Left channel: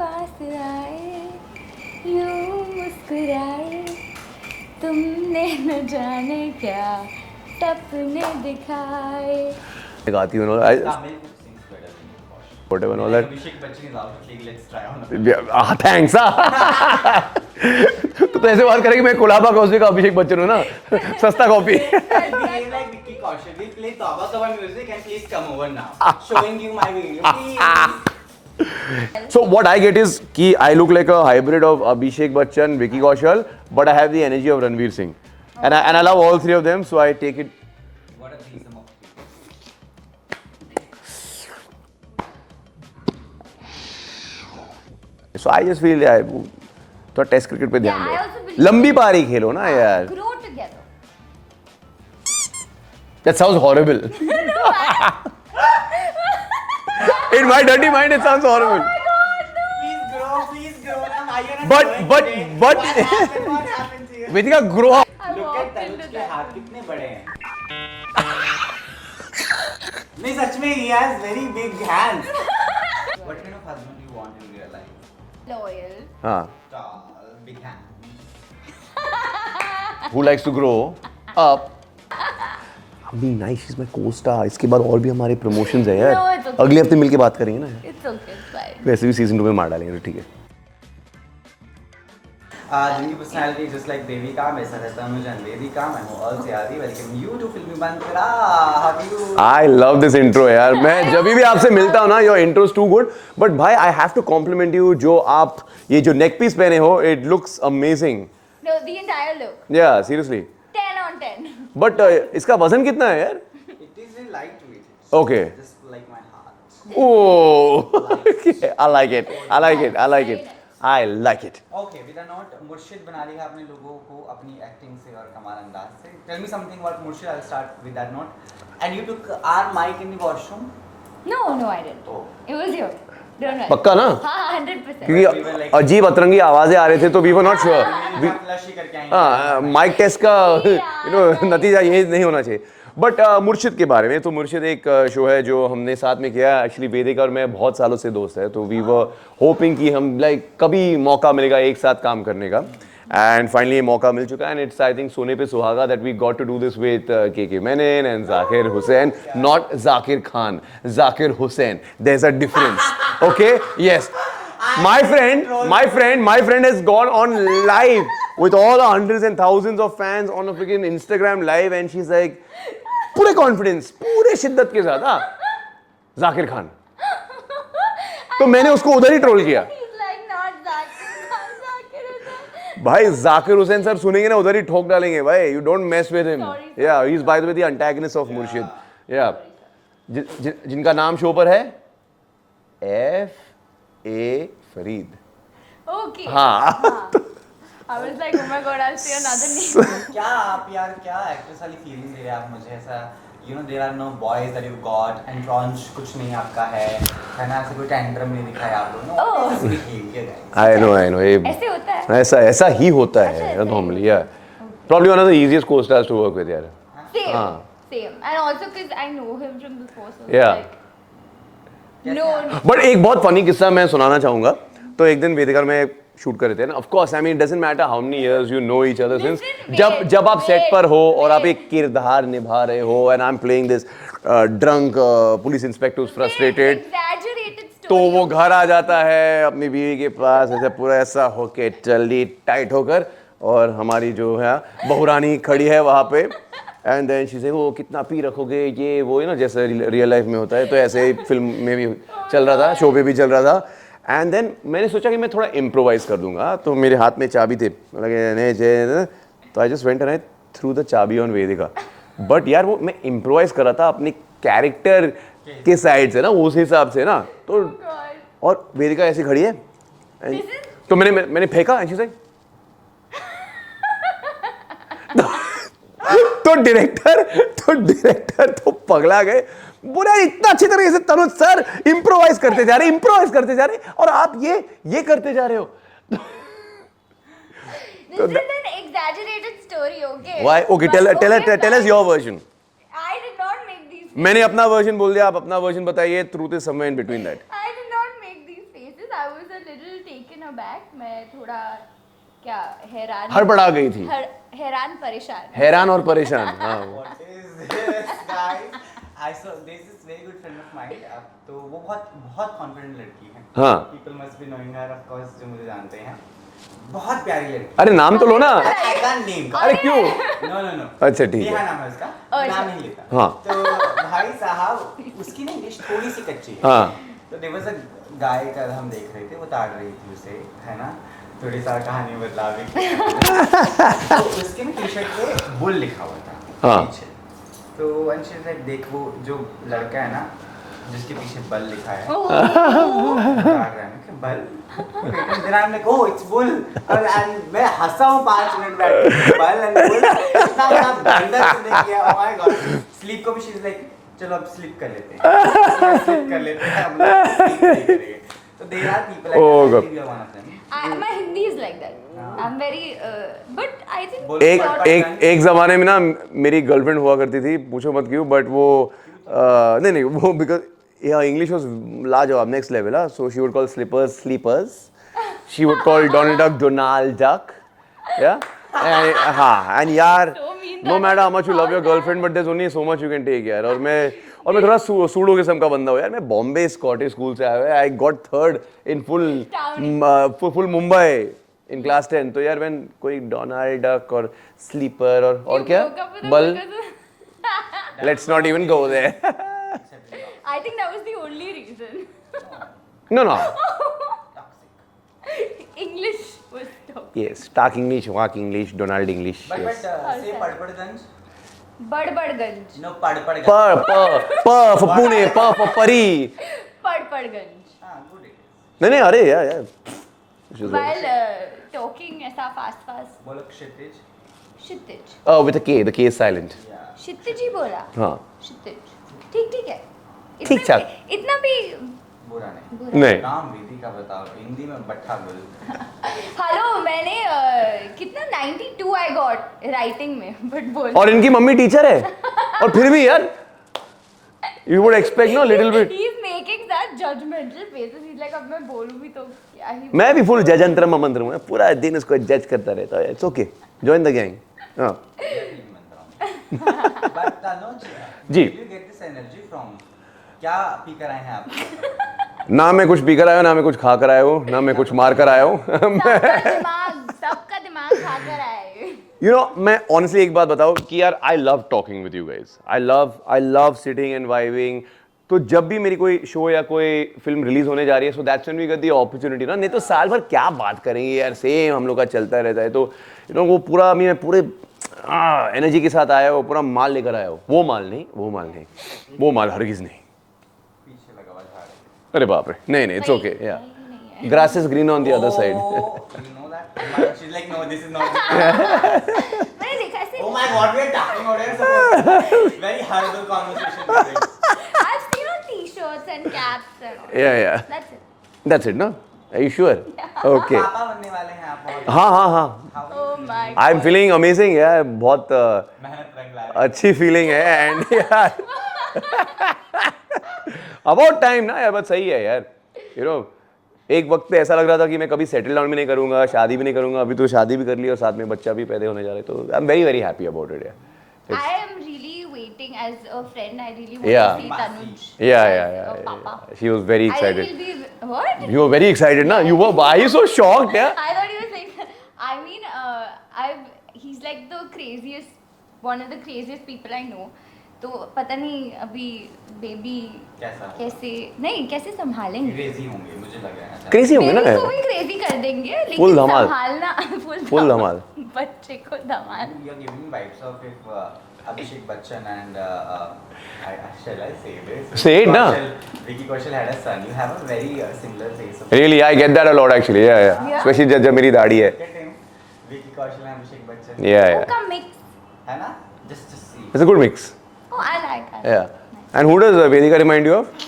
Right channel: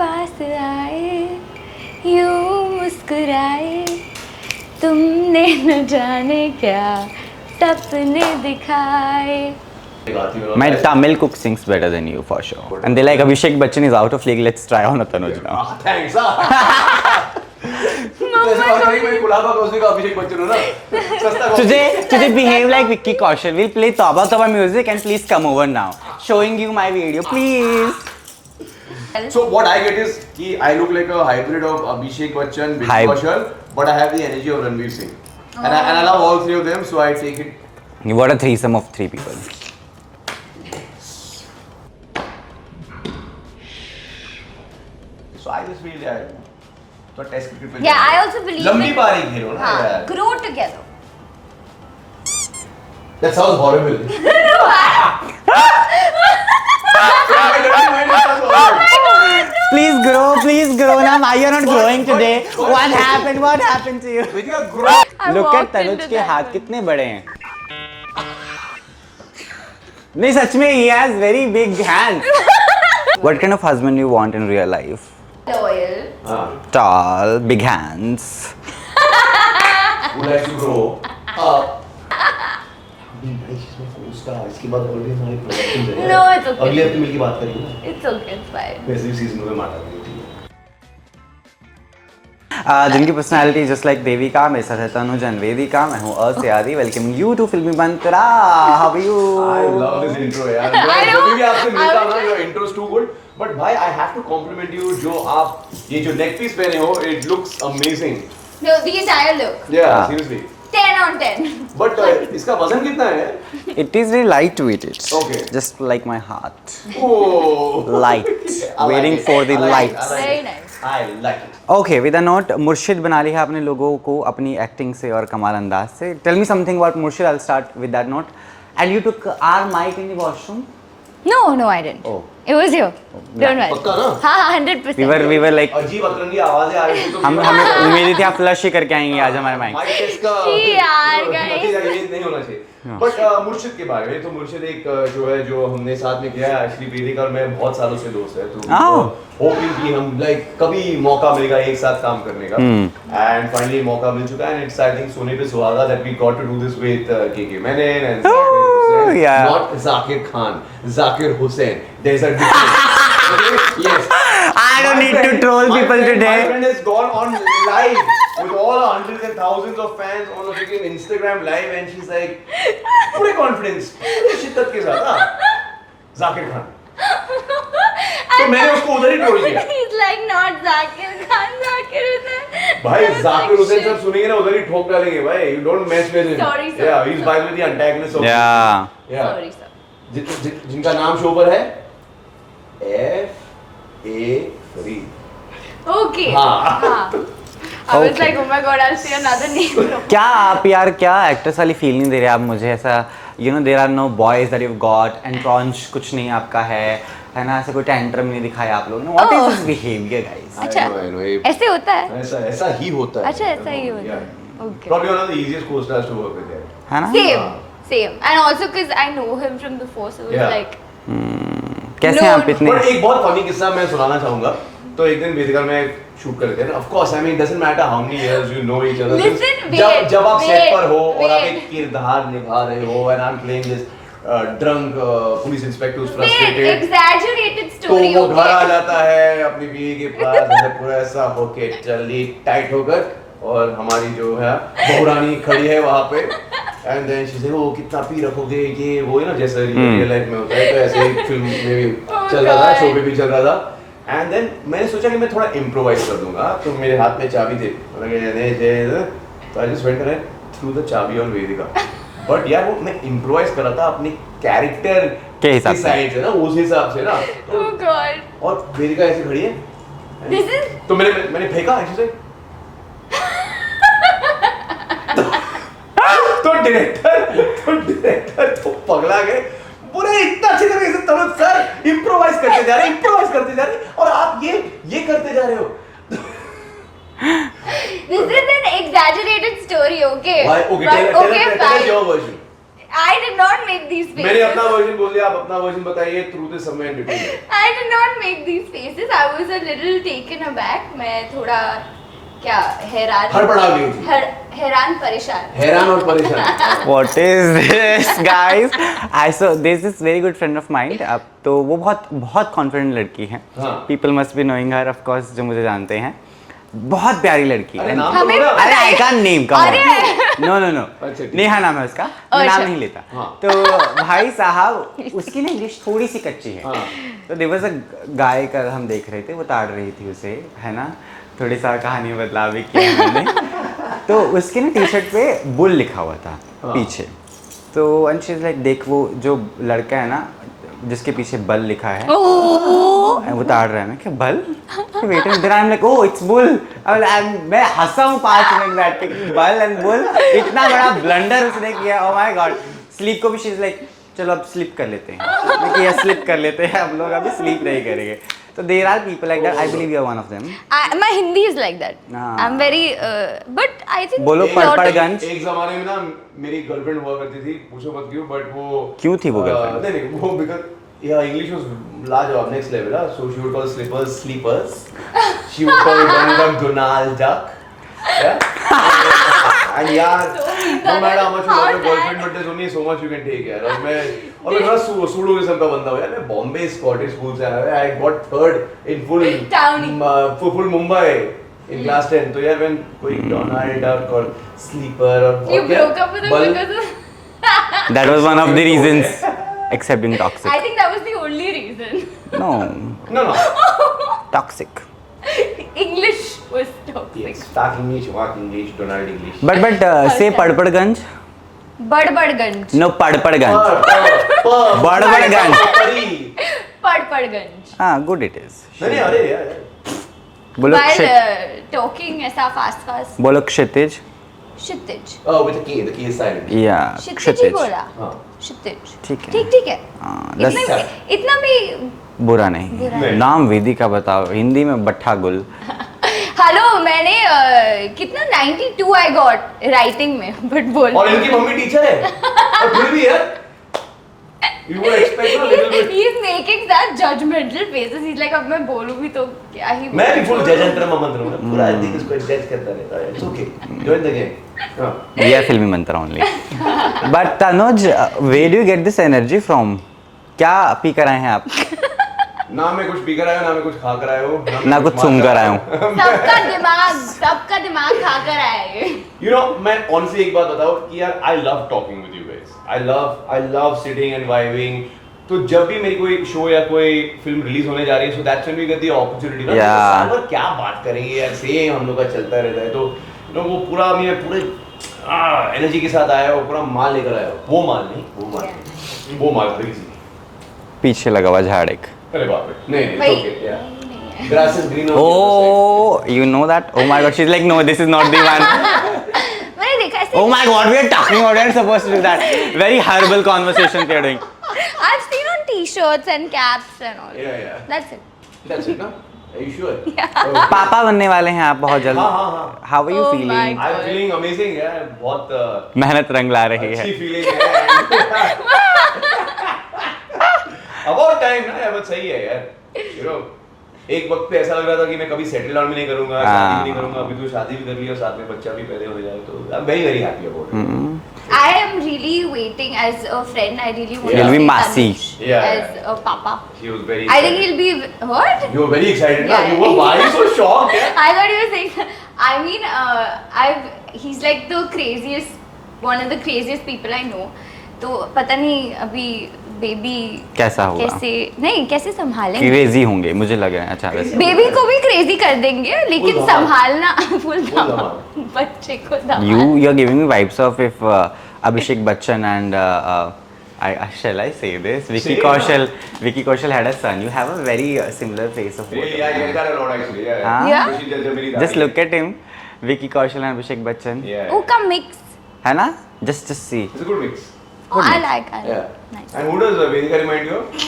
पास आए, यूं मुस्कुराए, तुमने न जाने क्या सपने दिखाए. My Tamil cook sings better than you for sure. And they like Abhishek Bachchan is out of league. Let's try on a Tanuj. Thanks. तो ऐसे बात करेंगे मैं कोलाबा कौशल का अभिषेक बच्चन हूँ ना सस्ता coffee. Today behave like Vicky Kaushal. We'll play Tauba Tauba music and please come over now. Showing you my video, please. So what I get is कि I look like a hybrid of Abhishek Bachchan, Vicky Kaushal, but I have the energy of Ranveer Singh. And I love all three of them, so I take it. What a threesome of three people. So I just feel that तो test cricket पे Yeah, I also believe लंबी in- पारी खेलो ना यार. Grow together. That sounds horrible. In my dirty mind it sounds horrible. Please grow. Now why you're not growing today? What happened? What happened to you? Vedika grow. I Look at walked Tanuj into के that. हाथ कितने बड़े हैं. नहीं सच में he has very big hands. What kind of husband you want in real life? Loyal. Tall, big hands. Who likes to grow up. Be nice, she's my co-star. इसके बाद और भी हमारे प्रमोशंस हैं यार. No, it's okay. अगले हफ्ते मिलके बात करेंगे. It's okay, it's fine. वैसे भी सीजन 2 में मार डालेंगे ठीक है. जिनकी पर्सनालिटी जस्ट लाइक देविका, मेरे साथ है तनुज एंड वेदिका. मैं हूँ अर्सियादी. वेलकम यू टू फिल्मी बंतरा. How are you? I love this intro यार. मैं जब भी आपसे मिलता हूँ ना, your intro is too good. But भाई I have to compliment you जो आप ये जो neck piece पहने हो, it looks amazing. No, the entire look. Yeah, seriously. 10 on 10. But इसका वजन कितना है? It is very lightweight. Okay. Just like my heart. Oh. Light. I like Waiting it. for the I like lights. it. I like Very it. nice. I like it. Okay, with a note, मुर्शिद बना ली है आपने लोगों को अपनी acting से और कमाल अंदाज से. Tell me something about मुर्शिद. I'll start with that note. And you took our mic in the washroom. No, I didn't. Oh. It was you. Don't worry. पक्का ना? हाँ, 100%. We were like अजीब अतरंगी आवाजें आ रहे थे तो we were not sure. उम्मीद थी आप फ्लश ही करके आएंगे आज हमारे mic. माइक टेस्ट का यार, guys. नतीजा इमेज नहीं होना चाहिए. बट मुर्शिद के बारे में तो मुर्शिद एक शो है जो हमने साथ में किया. श्री वेदिका और मैं बहुत सालों से दोस्त है तो होपिंग कि हम लाइक कभी मौका मिलेगा एक साथ काम करने का. एंड फाइनली मौका मिल चुका है. एंड इट्स आई थिंक सोने पे सुहागा that we got to do this with KK Menon and Zakir Hussain. yeah. Not Zakir Khan, Zakir Hussain. There is a difference. Okay? Yes. I don't need to troll people today. My friend has gone on live with all the hundreds and thousands of fans on a freaking Instagram live and she's like, पूरे confidence, पूरे शिद्दत के साथ, जाकिर खान. तो मैंने उसको उधर ही troll किया. He's like not Zakir Khan, Zakir Hussain. भाई जाकिर हुसैन सर सुनेंगे ना उधर ही ठोक डालेंगे भाई. You don't mess with him. Sorry, sir. Yeah, he's by the way the antagonist of Yeah. Yeah. Sorry, sir. जिनका नाम शो पर है F.A. फरीद. Okay. हाँ. I was like, oh my god, I'll see another name. क्या आप यार क्या actress वाली फील नहीं दे रहे आप मुझे ऐसा. You know there are no boys that you've got and Pranch कुछ नहीं आपका है ना. ऐसे कोई टेंट्रम नहीं दिखाया आप लोगों ने. What is this behavior guys? I know. ऐसे होता है? ऐसा ही होता है. अच्छा, ऐसा ही normally, होता yeah. है. Okay. Probably one of the easiest co-stars to work with, यार. है ना? Same. And also because I know him from before, so it was Yeah. like, कैसे No, आप इतने But एक बहुत funny किस्सा मैं सुनाना चाहूँगा. तो एक दिन वेदिका में शूट कर रहे थे. Of course, I mean, it doesn't matter how many years you know each other. Listen, जब आप सेट पर हो और आप wait. एक किरदार निभा रहे हो and I'm playing this drunk police inspector who's frustrated. exaggerated तो story. वो okay? घर आ जाता है अपनी बीवी के पास ऐसे पूरा ऐसा होके चली टाइट होकर और हमारी जो है बहुरानी खड़ी है वहाँ पे एंड देन शी से वो कितना पी रखोगे ये वो ना जैसे रियल लाइफ में होता है. तो ऐसे ही फिल्म में भी चल रहा था, शो पे भी चल रहा था. एंड देन मैंने सोचा कि मैं थोड़ा इम्प्रोवाइज कर दूंगा. तो मेरे हाथ में चाबी थी तो I just went and through the चाबी ऑन वेदिका. बट यार वो मैं इम्प्रोवाइज कर रहा था अपने कैरेक्टर के साइड से ना, उस हिसाब से ना. Oh god. और वेदिका ऐसी खड़ी है. This is तो मैंने फेंका ऐसे. तो डायरेक्टर तो पगला गए. बोले इतना अच्छी तरीके से तनुज सर इम्प्रोवाइज करते जा रहे और आप ये करते जा रहे हो. This is an exaggerated story, okay? Why? Okay, But tell us your version. I did not make these faces. मैंने अपना वर्जन बोल दिया, आप अपना वर्जन बताइए. Truth is somewhere in between. I did not make these faces. I was a little taken aback. मैं थोड़ा क्या हैरान. हड़बड़ा गई थी. हैरान परेशान. हैरान और परेशान. What is this, guys? I saw there's this very good friend of mine. अब तो वो बहुत कॉन्फिडेंट लड़की है. हाँ. People must be knowing her, of course, जो मुझे जानते हैं. बहुत प्यारी लड़की. अरे नाम तो बोला. अरे I can't name. No. अच्छा ठीक. नेहा नाम है उसका. मैं नाम नहीं लेता. हाँ. तो भाई साहब उसकी ना इंग्लिश थोड़ी सी कच्ची है. हाँ. तो there was a guy कल हम देख रहे थे, वो ताड़ रही थी उसे, है ना. थोड़ी सा कहानी बतला भी किया मैंने. तो उसके ना टी शर्ट पे बुल लिखा हुआ था पीछे. तो एंड शी इज लाइक देख वो जो लड़का है ना जिसके पीछे बल लिखा है बता रहा है. मैं क्या बल wait there I am like oh it's bull. मैं हंसा हूँ 5 मिनट बैठ के. बल एंड बुल इतना बड़ा ब्लंडर उसने किया. Oh my God. स्लीप को भी शी इज लाइक चलो अब स्लिप कर लेते हैं. या स्लिप कर लेते हैं अब स्लीप नहीं करेंगे. So there are people like that. I believe you are one of them. My Hindi is like that. I'm very, but I think. बोलो एक जमाने में ना मेरी गर्लफ्रेंड हुआ करती थी, पूछो मत क्यों, बट वो क्यों थी वो? नहीं वो because English was लाजवाब next level. So she would call slippers sleepers. She would call Donald Duck Donald Duck. Yeah. And यार, no matter how much you love your girlfriend, but there's only so much you can take यार. और मैं थोड़ा pseudo किस्म का बंदा हूँ यार. मैं बॉम्बे स्कॉटिश स्कूल से आया. I got third in full Mumbai in class 10. तो यार मैं कोई Donald Duck और sleeper और You broke up with him because of. That was one of the reasons. Except being toxic. I think that was the only reason. No. Toxic. English was toxic. Yes. Talk English, walk English, Donald English. But say Padpadganj. Badbadganj. No Padpadganj. Badbadganj. परी. Padpadganj. हाँ good it is. नहीं अरे यार. बोलो While talking ऐसा fast. बोलो क्षितिज. Kshitij. Oh, with the K is silent. Yeah. Kshitij ही बोला. हाँ. Kshitij. ठीक है. ठीक है. इतना भी बुरा नहीं. नाम वेदिका बताओ. हिंदी में बट्ठा गुल. हेलो मैंने कितना 92 आई गॉट राइटिंग में बट बोल. और इनकी मम्मी टीचर है. और फिर भी यार you would expect no little bit. He is making that judgmental faces. He's like अब मैं बोलूँ भी तो क्या ही. मैं भी फुल जजंतर मंत्र हूँ. पूरा दिन इसको जज करता रहता है. It's okay. Join the gang. हाँ. We are filming mantra only. But Tanuj, where do you get this energy from? क्या पी कर आए हैं आप? ना मैं कुछ पी कर आया, ना मैं कुछ खा कर आया हूँ, ना मैं कुछ सुन कर आया हूँ. सबका दिमाग खा कर आया है. You know, मैं honestly एक बात बताऊँ कि यार I love talking with you guys. I love sitting and vibing. तो जब भी मेरी कोई शो या कोई फिल्म रिलीज होने जा रही है, so that's when we get the opportunity. ना तो साल भर क्या बात करेंगे यार, सेम हम लोग का चलता रहता है. तो you know वो पूरा मैं पूरे एनर्जी के साथ आया हूँ, पूरा माल लेकर आया हूँ. वो माल हरगिज़ नहीं. पीछे लगा हुआ झाड़ एक. अरे बाप रे. नहीं it's okay. Yeah. Grass is green on the other side. Oh, you know that? Oh my God, she's like, no, this is not the one. मैंने देखा ऐसे. Oh my God, we are talking about it. Supposed to be that very horrible conversation they're doing. I've seen on t-shirts and caps and all. Yeah. That's it. No? Are you sure? Yeah. Okay. पापा बनने वाले हैं आप बहुत जल्दी. हाँ. How are you Oh feeling? my God. I'm feeling amazing. यार बहुत मेहनत रंग ला रही अच्छी है. फीलिंग है. About time ना यार. सही है यार. You know, एक वक्त पे ऐसा लग रहा था कि मैं कभी सेटल डाउन भी नहीं करूंगा, शादी भी नहीं करूंगा. अभी तो शादी भी कर ली और साथ में बच्चा भी पैदा होने जा रहा है. तो I'm very happy about it. I am really waiting as a friend. I really want Yeah. to He'll be see Masi. Tanuj Yeah. as a papa. She was very I excited. think he'll be what? You were very excited ना? Yeah. You were why you so shocked यार? I thought you were saying. I mean, he's like the craziest, one of the craziest people I know. तो पता नहीं अभी baby कैसा होगा? कैसे संभालेंगे? क्रेजी होंगे मुझे लग रहा है. अच्छा. बेबी को भी क्रेजी कर देंगे लेकिन संभालना फुल धमाल. बच्चे को धमाल. You are giving me vibes of if Abhishek Bachchan and shall I say this? Vicky Kaushal had a son. You have a very similar face of. Really, I get that a lot actually. Yeah. Yeah. Especially जब मेरी Just दाढ़ी है. look at him, Vicky Kaushal and Abhishek Bachchan. Yeah. वो का mix. है ना? Just see. It's a good mix. Oh, I like. Yeah. Nice. And who does Vedika remind you of?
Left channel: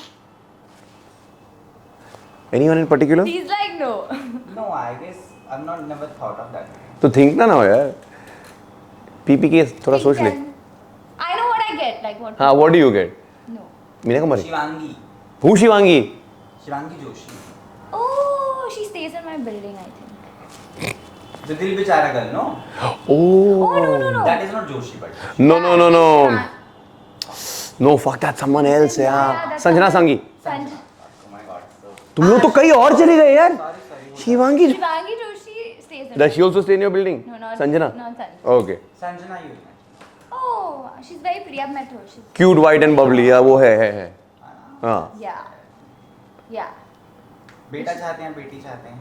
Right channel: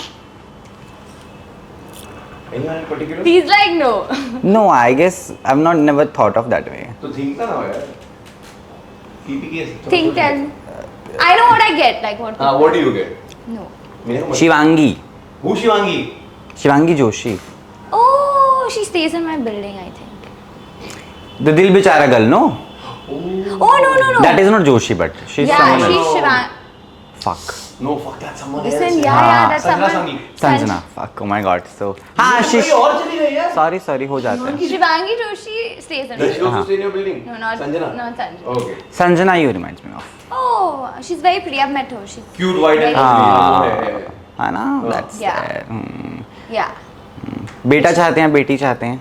Anyone in particular? He's like no. No, I guess I've never thought of that way. तो think ना हो यार. PPK थोड़ा Think सोच ले. and I know what I get, like what. हाँ, what do you get? No. Meena को मत. शिवांगी Who शिवांगी? Shivangi Joshi Oh, she stays in my building, I think. The Dil Bechara girl no Oh no. That is not Joshi but she Yeah, no, she's no. Shivan. Fuck No, fuck, that's someone Listen, else. yeah, हाँ, that's Sanjana someone- संगी. Sanjana fuck oh my god so वो तो कहीं और चली गई यार. Sorry हो जाता है Shivangi. Shivangi Joshi stays in. Does she my also stay in your building? No, not Sanjana. Not Sanjana. Okay. Sanjana you reminds me of Oh, she's very pretty. I've met her. She's Cute, white and very- bubbly. Yeah, वो है. है ना that's Yeah. Yeah. बेटा चाहते हैं बेटी चाहते हैं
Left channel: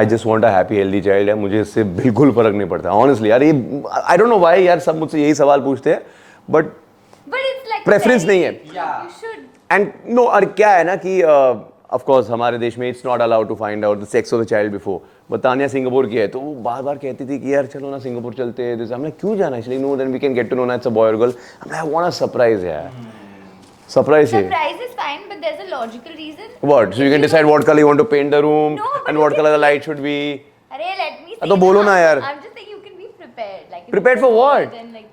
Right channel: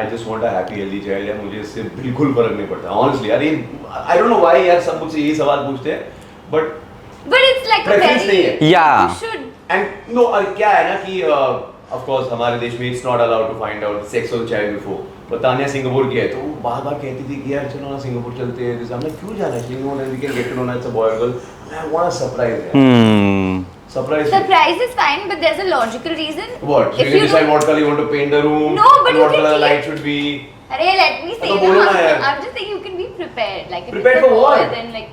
I just want a happy healthy child है. मुझे इससे बिल्कुल फर्क नहीं पड़ता. Honestly, यार ये I don't know why यार सब मुझसे यही सवाल पूछते हैं. But But it's like a Preference very- नहीं है. Yeah. You should. and no और क्या है ना कि of course हमारे देश में it's not allowed to find out the sex of the child before. तो तानिया सिंगापुर की है तो वो बार-बार कहती थी कि यार चलो ना सिंगापुर चलते हैं. जैसे हमने क्यों जाना है? No, then we can get to know that it's a boy or girl. I want a surprise यार. Surprise है. Surprise is fine, but there's a logical reason. What? So If you can decide don't- what color you want to paint the room. No, but and you what can color the see- light should be. Arey, let me say. तो बोलो ना यार. I'm just saying you can be prepared. Like if Prepared it's for a what? boy, then like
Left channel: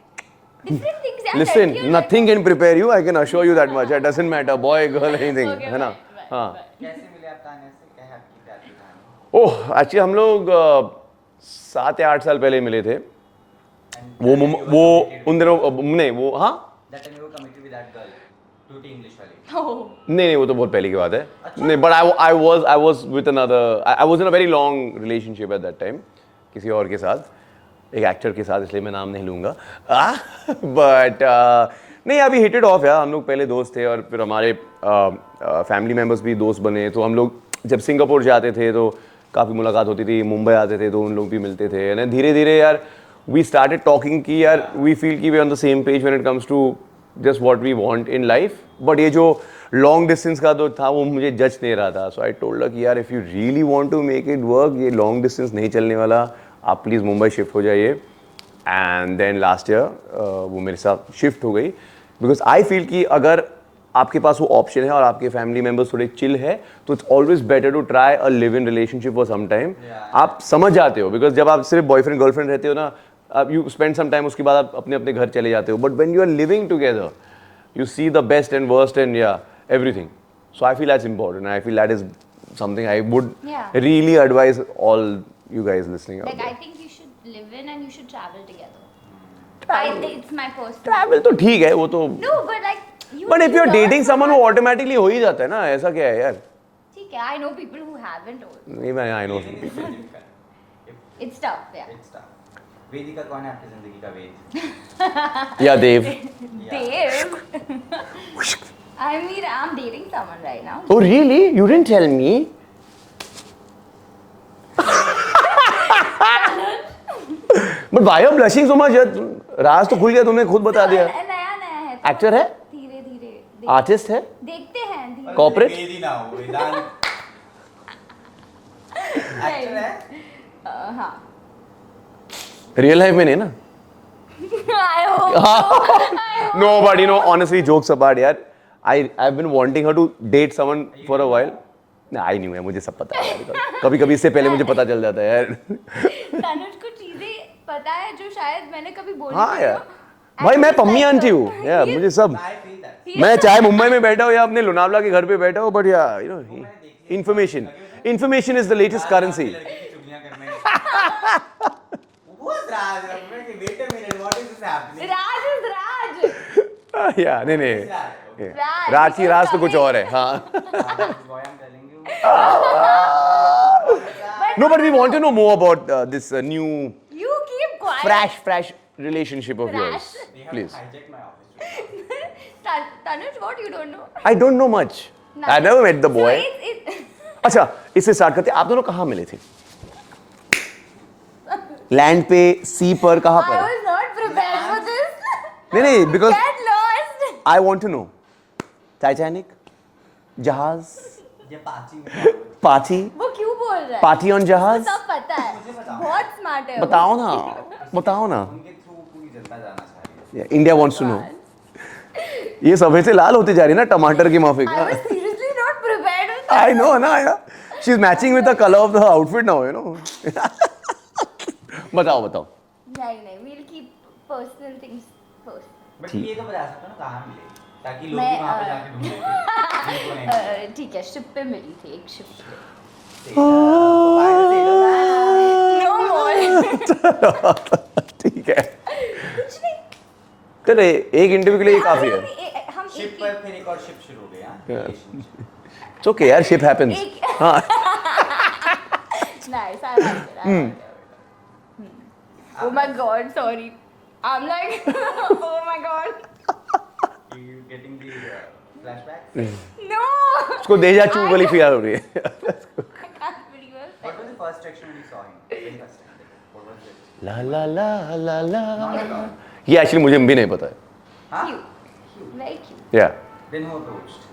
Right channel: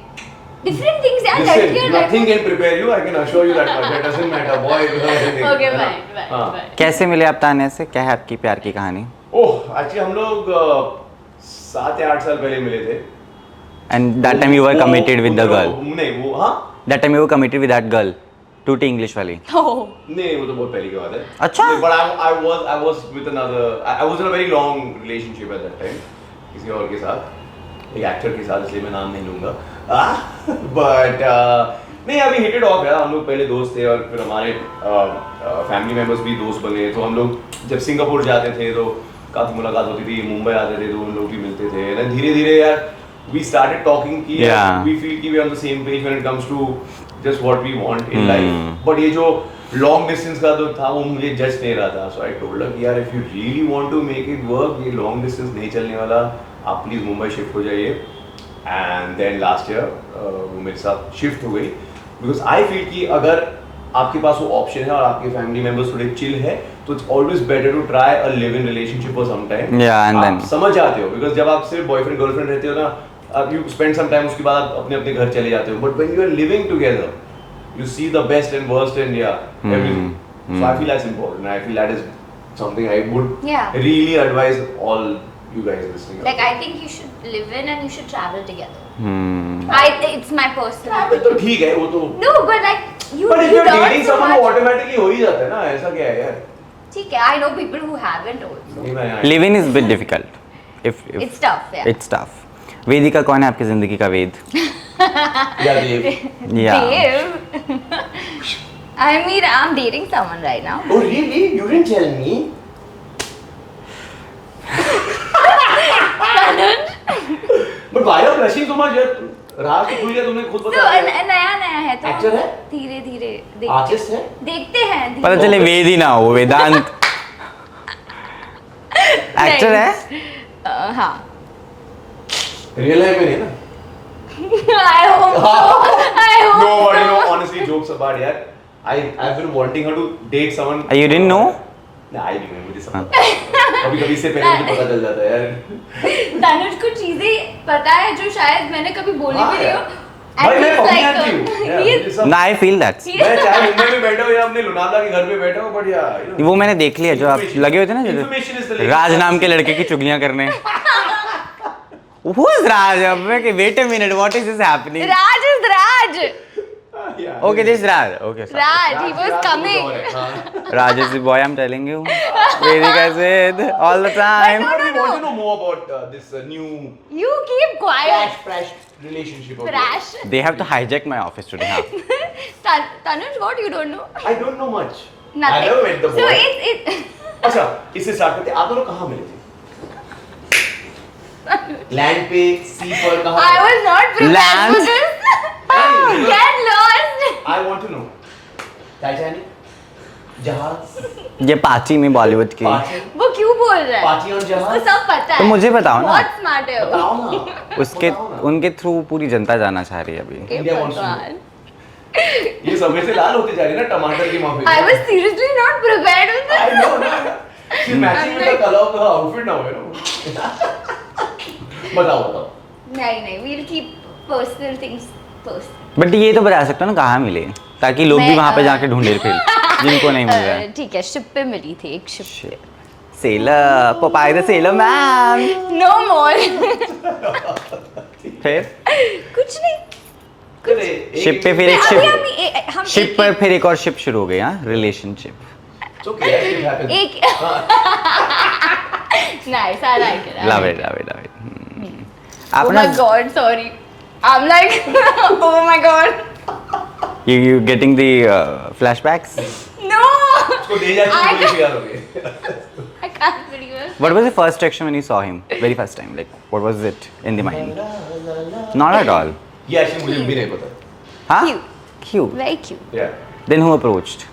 different things. Yeah, Listen, लड़कियां nothing can prepare you. I can assure you that much. It doesn't matter, boy, girl, anything. Okay, है ना? fine. हाँ. कैसे मिले आप तान्या से क्या है आपकी प्यार की कहानी ओह, actually हम लोग 7 या 8 साल पहले मिले थे. And that time you were committed with the girl नहीं वो हाँ that time you were committed with that girl टूटी इंग्लिश वाली Oh. नहीं वो तो बहुत पहले की बात है. अच्छा? नहीं, but I was with another. I was in a very long relationship at that time. किसी और के साथ एक एक्टर के साथ इसलिए मैं नाम नहीं लूँगा. But नहीं अभी हिट इट ऑफ है. हम लोग पहले दोस्त थे और फिर हमारे फैमिली मेंबर्स भी दोस्त बने. तो हम लोग जब सिंगापुर जाते थे तो काफ़ी मुलाकात होती थी. मुंबई आते थे तो उन लोग भी मिलते थे. ना धीरे धीरे यार we started talking कि यार Yeah. we feel कि we are on the same page when it comes to just what we want in life. But ये जो long distance का तो था वो मुझे जज नहीं रहा था. So I told her कि यार if you really want to make it work ये long distance नहीं चलने वाला. आप प्लीज़ मुंबई शिफ्ट हो जाइए. And then last year वो मेरे साथ शिफ्ट हो गई. Because I feel कि अगर आपके पास वो ऑप्शन है और आपके फैमिली मेंबर्स थोड़े चिल है तो it's always better to try a live in relationship for some time. Yeah, and आप then- समझ जाते हो बिकॉज जब आप सिर्फ बॉयफ्रेंड गर्लफ्रेंड रहते हो ना आप यू स्पेंड सम टाइम उसके बाद आप अपने अपने घर चले जाते हो. But when you are living together you see the best and worst and या everything. So I feel that's important. I feel that is something I would Yeah. Really advise all you guys listening. Like I think you should live in and you should travel together. It's my personal. Travel तो ठीक है वो तो. No, but like you. But if you you are learn dating so someone much. Automatically हो ही जाता है ना. ऐसा क्या है यार. ठीक है, I know people who haven't also. नहीं मैं living is bit difficult if It's tough, yeah. It's tough. Vedika कौन है आपकी जिंदगी का वेद या देव. या Dave. I mean, I'm dating someone right now. Oh really? You didn't tell me. But why are you blushing so much? यार राज तो भूल गया तुमने खुद No, बता दिया. नया नया है तो Actor है? धीरे धीरे आर्टिस्ट है. देखते हैं. पता चले वेद ही ना हो वेदांत एक्टर है हाँ. रियल लाइफ में नहीं ना. I hope so. I hope. No, but you know, honestly, jokes apart, यार. I've been wanting her to date someone. You didn't know? नहीं, I knew है मुझे सब पता है. कभी-कभी इससे पहले मुझे पता चल जाता है यार. तनुज को चीजें पता है जो शायद मैंने कभी बोली हाँ भी नहीं यार. हो. भाई And मैं he's पम्मी like, आंटी हूँ. यार he- मुझे सब. ना आई फील दैट मैं चाहे मुंबई में बैठा हूँ या अपने लोनावला के घर पे बैठा हूँ, but yeah, you know. वो मैंने देख लिया जो आप Information. लगे होते ना Information is the latest राज नाम currency. के लड़के की चुगलियां करने Who is Raj? अब मैं कि wait a minute, what is this happening? Raj is Raj. Yeah, Okay, नहीं, this is नहीं. Raj. Okay. Raj. Raj he की was राज तो कुछ coming. और है. हाँ. Raj is the boy I'm telling you. Vedika said all the time. No, but we want to know more about this new You keep quiet. fresh relationship of Fresh. yours. They have to hijack my office today. Huh? Tanuj, what you don't know? I don't know much. I Nothing. never met the boy. So it's अच्छा, इससे start करते हैं. आप दोनों कहाँ मिले थे? Land पे, सी पर कहाँ I पर? was not prepared Lance. for this. नहीं, because- Get lost. I want to know. Titanic, जहाज, ये पाची में बॉलीवुड की पार्टी, वो क्यों बोल रहा है? पार्टी ऑन वो जहाज. सब पता है. तो मुझे बताओ ना. बहुत स्मार्ट है वो. बताओ ना. उसके बताओ ना. उनके थ्रू पूरी जनता जाना चाह रही है अभी. India wants to know. ये सफेद से लाल होती जा रही है ना टमाटर की माफी. I was seriously not prepared with this. I know, ना. She's matching with the color of the outfit now, you know. बताओ. नहीं, we'll keep personal things first. But ये तो बता सकते हो ना कहाँ मिले, ताकि लोग भी मैं, वहाँ पे जाके ढूंढे फिर जिनको नहीं मिल रहा है। ठीक है, शिप पे मिली थी, एक शिप पे। Sailor, Popeye the sailor ma'am. No more. फिर कुछ नहीं। करे एक शिप पे फिर एक अभी शिप, हम शिप पर फिर एक और शिप शुरू हो गई, हाँ, रिलेशनशिप। इट्स ओके यार, शिप हैपेंस। एक nice, I like it. Love it. Oh my god, sorry. I'm like, oh my god. You getting the flashbacks? No. उसको दे जा चुप वाली फील आ रही है। I can't believe it. What was the first reaction when you saw him? Very first time, like what was it in the mind? Not at all. ये actually मुझे भी नहीं पता। Huh? Cute. Very cute. Yeah. Then who approached?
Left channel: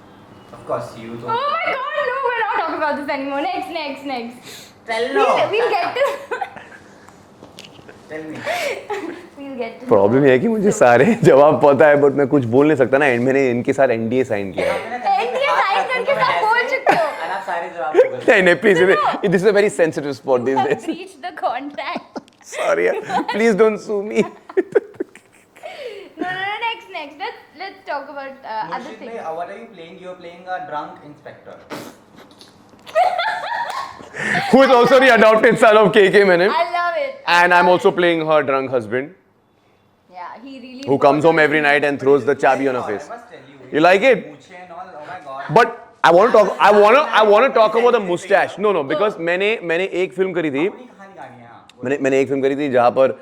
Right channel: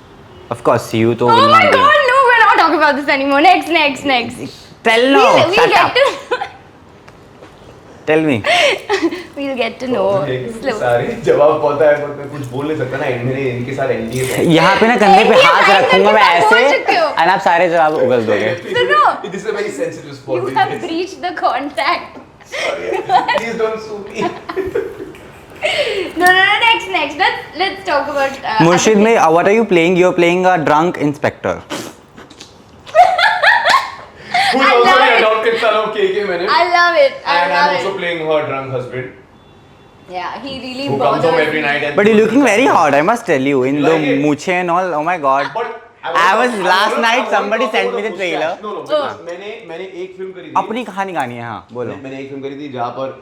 Of course, you to Oh will my not be. god, no, we're not talking about this anymore. Next. Tell no. We'll Shut get up. to Tell me. we'll get to know. Problem है कि मुझे slowly. सारे जवाब पता है, but मैं कुछ बोल नहीं सकता ना, मेरे इनके साथ एनडीए है। यहाँ पे ना कंधे पे ये हाथ भाई रखूंगा मैं आप बोल ऐसे, चुके हो। और आप सारे जवाब उगल नहीं दोगे। Please, No. This is a very sensitive spot You this have days. breached the contract. Sorry please don't sue me. No, next. Let's talk about. Murshid, other में what are you playing? You're playing a drunk inspector. Who is I also love the it. adopted son of KK Menon. things. I love it. And I'm also playing her drunk husband, Yeah, he really. who comes home every night and. But you're throws the looking very chat hot, I boxes. must tell you. In You the like it? मूछें and all, oh my god. But I want was to last night talk somebody about sent the me the mustache. trailer. No, because मैंने एक film करी थी। अपनी कहानी गानी है, हाँ बोलो। मैंने एक फिल्म करी थी जहाँ पर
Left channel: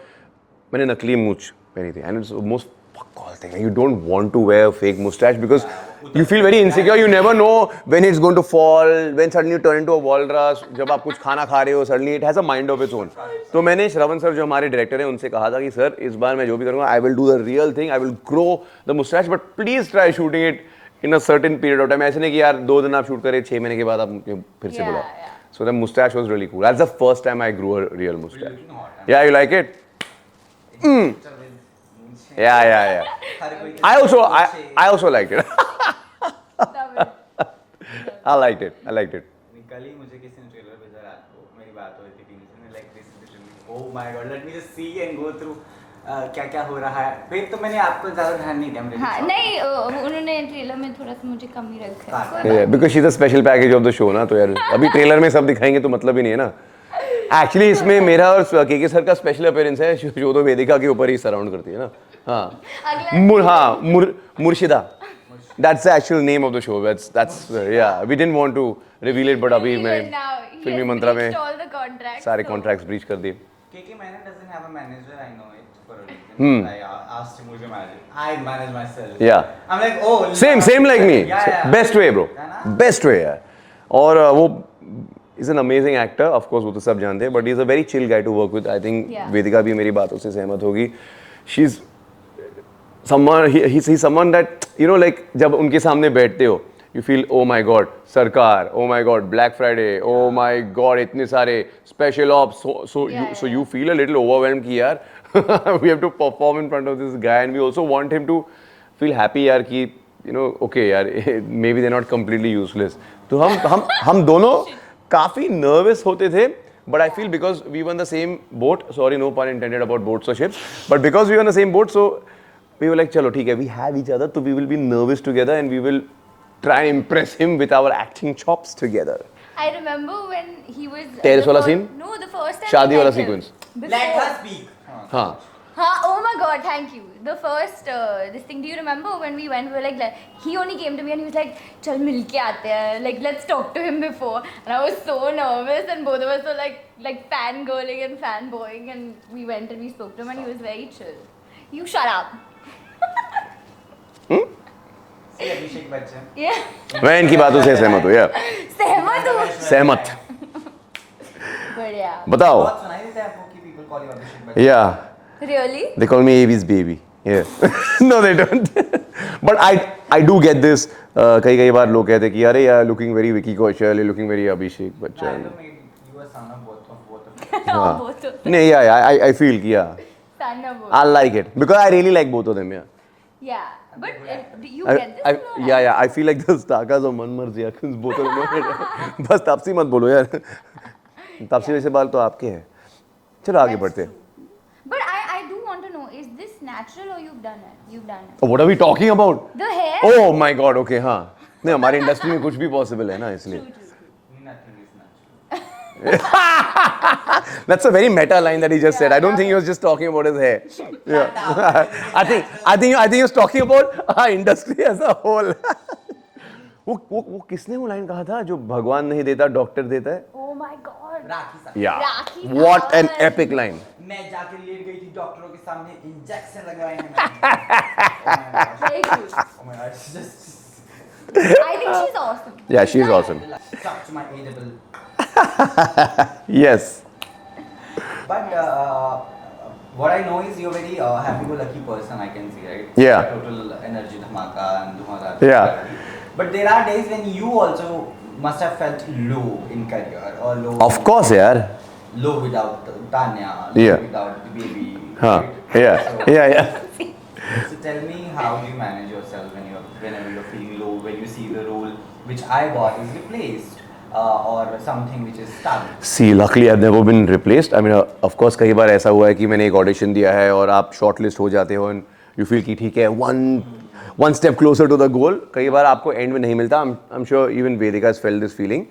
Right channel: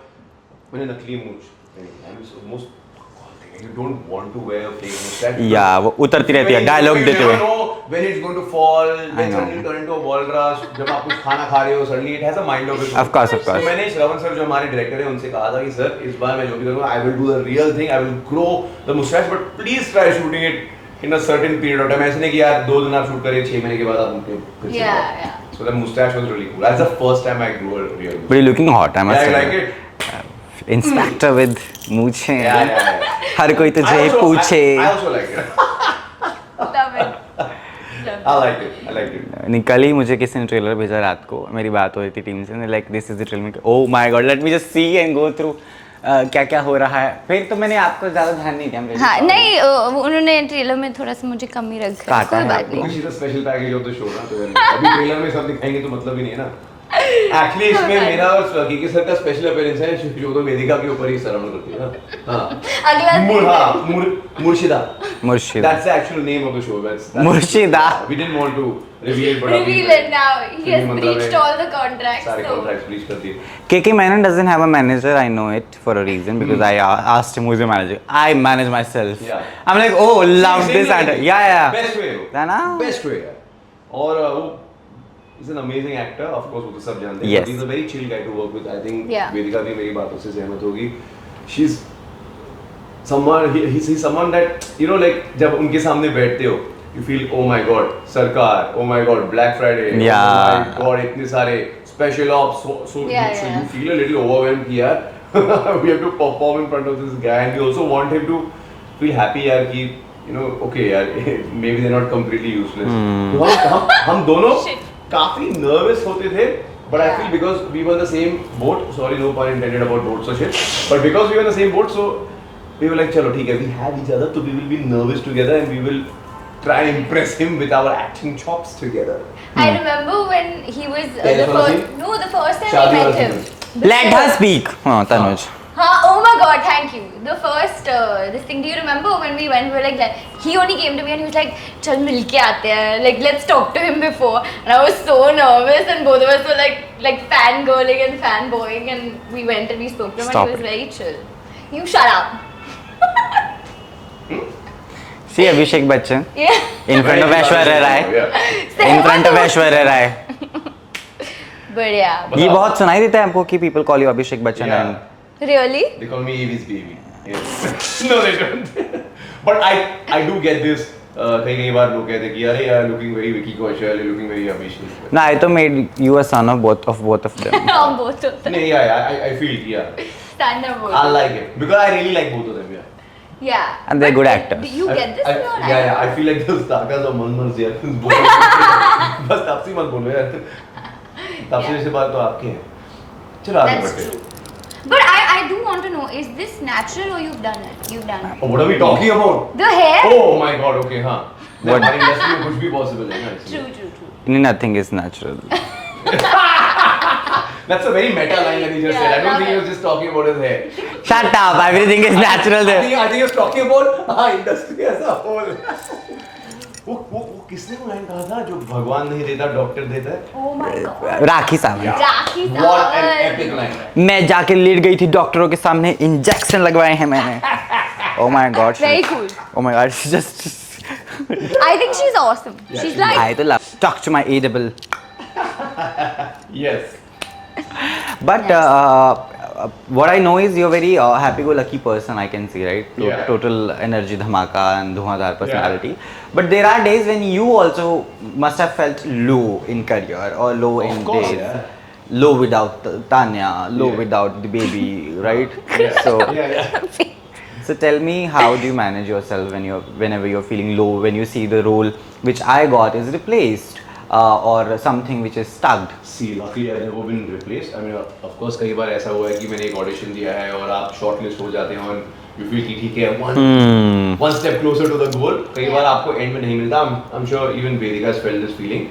मैंने नकली मूंछ पहनी थी, and it's the most fuck all thing. You don't want to wear a fake mustache because Yeah, वो you उतरती feel रहती very है, insecure. dialogue You देते never हुए। know when it's going to fall, when know. suddenly you turn into a walrus. जब आप कुछ खाना खा रहे हो, suddenly it has a mind of its own. Of course. तो मैंने श्रवण सर जो हमारे डायरेक्टर हैं उनसे कहा था कि सर इस बार मैं जो भी करूँगा I will do the real thing, I will grow the mustache, but please try shooting it in a certain period of time. ऐसे नहीं कि यार 2 दिन आप शूट करें, 6 महीने के बाद आप उनके फिर से Yeah, करो। yeah. So the mustache was really cool. That's the first time I grew a real But mustache. you're looking hot, I must Yeah, you tell like it? Inspector with मूछें। Yeah. हर कोई I तुझे also, पूछे। I also like it. Love it. I liked it. नहीं, कल ही मुझे किसी ने trailer भेजा रात को, मेरी बात हो रही थी टीम से, like this is the trailer. Oh my God, let me just see and go through क्या क्या हो रहा है। फिर तो मैंने आपको ज़्यादा ध्यान नहीं दिया। हाँ, नहीं, उन्होंने ट्रेलर में थोड़ा सा मुझे कम ही रखा काटा है। Yeah, because she's a special package of the show ना, तो यार अभी ट्रेलर में सब दिखाएंगे तो मतलब ही नहीं है ना। एक्चुअली इसमें मेरा और केके सर का स्पेशल अपीयरेंस है, जो तो वेदिका के ऊपर ही सराउंड करती है ना। अगला मुर्शिदा। मुर्शिद। That's the actual name of the show. That's Murshida. Yeah, we didn't want to reveal it, but अभी reveal it now. He फिल्मी has मंत्रा में breached all the contracts. सारे so- कॉन्ट्रैक्ट्स ब्रीच कर दिए। KK Menon doesn't have a manager. I know it for a reason because I asked him who's your manager. I manage myself. Yeah. I'm like, oh, love Same this like actor. me. Yeah. Best way, bro. है ना? Best way, यार। और वो is an amazing actor. Of course, वो तो सब जानते हैं. Yes. But he's a very chill guy to work with. I think Yeah. वेदिका भी मेरी बातों से सहमत होगी. She's someone. He's someone that you know, like जब उनके सामने बैठते हो, you feel oh my god, सरकार, oh my god, Black Friday, Yeah. oh my god, इतने सारे special ops. So Yeah. you feel a little overwhelmed कि यार we have to perform in front of this guy, and we also want him to feel happy यार कि you know okay यार maybe they're not completely useless. तो हम दोनों काफी nervous होते थे, but I feel because we were in the same boat, sorry no pun intended about boats or shit, but because we were in the same boat, so we were like चलो ठीक है, we have each other, so we will be nervous together and we will try and impress him with our acting chops together. I remember when he was Terrace the वाला first. scene? No, the first time शादी I वाला met him. scene. Let her speak. हाँ, तनुज। हाँ, oh my god, thank you. The first this thing, do you remember when we went? We were like, he only came to me and he was like, चल मिलके आते हैं, like let's talk to him before. And I was so nervous, and both of us were like fangirling and fanboying, and we went and we spoke to him, Stop and he was it. very chill. You shut up. See Abhishek Bachchan Yeah. in front of मैं इनकी बातों से Aishwarya सहमत हूँ, Rai. yeah. In front of Aishwarya Rai. But yeah. ये बहुत सुनाई देता है आपको कि people call you Abhishek Bachchan. Yeah. Really? They call me Avi's baby. Yes. No, they don't. But I do get this. कई बार लोग कहते हैं कि अरे यार looking very Vicky Kaushal, you're looking very Abhishek. But, No, I तो made you a son of both of them. Oh, both of them. No, yeah, I feel yeah. Stand up both. I like it because I really like both of them. Yeah. Yeah. And they're But good actors. Do you get this or not? Yeah. I feel like those takas of मनमर्जी यार. both of them. बस तापसी मत बोलो यार. तापसी जैसे बाल तो आपके हैं. चलो आगे That's बढ़ते हैं. true. But I do want want to know, is this natural or you've done it? You've done it. What are we talking about? The hair? Oh my God, okay, हाँ. नहीं, हमारी इंडस्ट्री में कुछ भी possible है ना इसमें. True. Nothing is natural. That's a very meta line that he just said. I don't think he was just talking about his hair. Shut up, everything is natural. I think he was talking about industry as a whole. वो किसने वो line कहा था जो भगवान नहीं देता doctor देता है? Oh my God. राखी साहब. Rakhi What an Sawant. epic line. मैं जाके लेट गई थी डॉक्टरों के सामने, इंजेक्शन लगवाए हैं मैंने. Oh my God. Very cool. Oh my God. She just. I think she's awesome. Yeah, she's like, I love. Talk to my A-double. Yes. But what I know is you're very happy-go-lucky person. I can see, right? Yeah. Total energy, dhamaka, and dhumadhar personality. But there are days when you also must have felt low in career or low. Of in course, pay. यार. Low without Tanya, low Yeah. without the baby, हाँ. right? Yeah. So, Yeah. so tell me, how do you manage yourself whenever you're feeling low, when you see the role which I got is replaced, or something which is stuck? See, luckily I've never been replaced. I mean, of course, कई बार ऐसा हुआ है कि मैंने एक audition दिया है और आप शॉर्टलिस्ट हो जाते हो and you feel कि ठीक है, one step closer to the goal. कई बार आपको एंड में नहीं मिलता. I'm sure even Vedika has felt this feeling.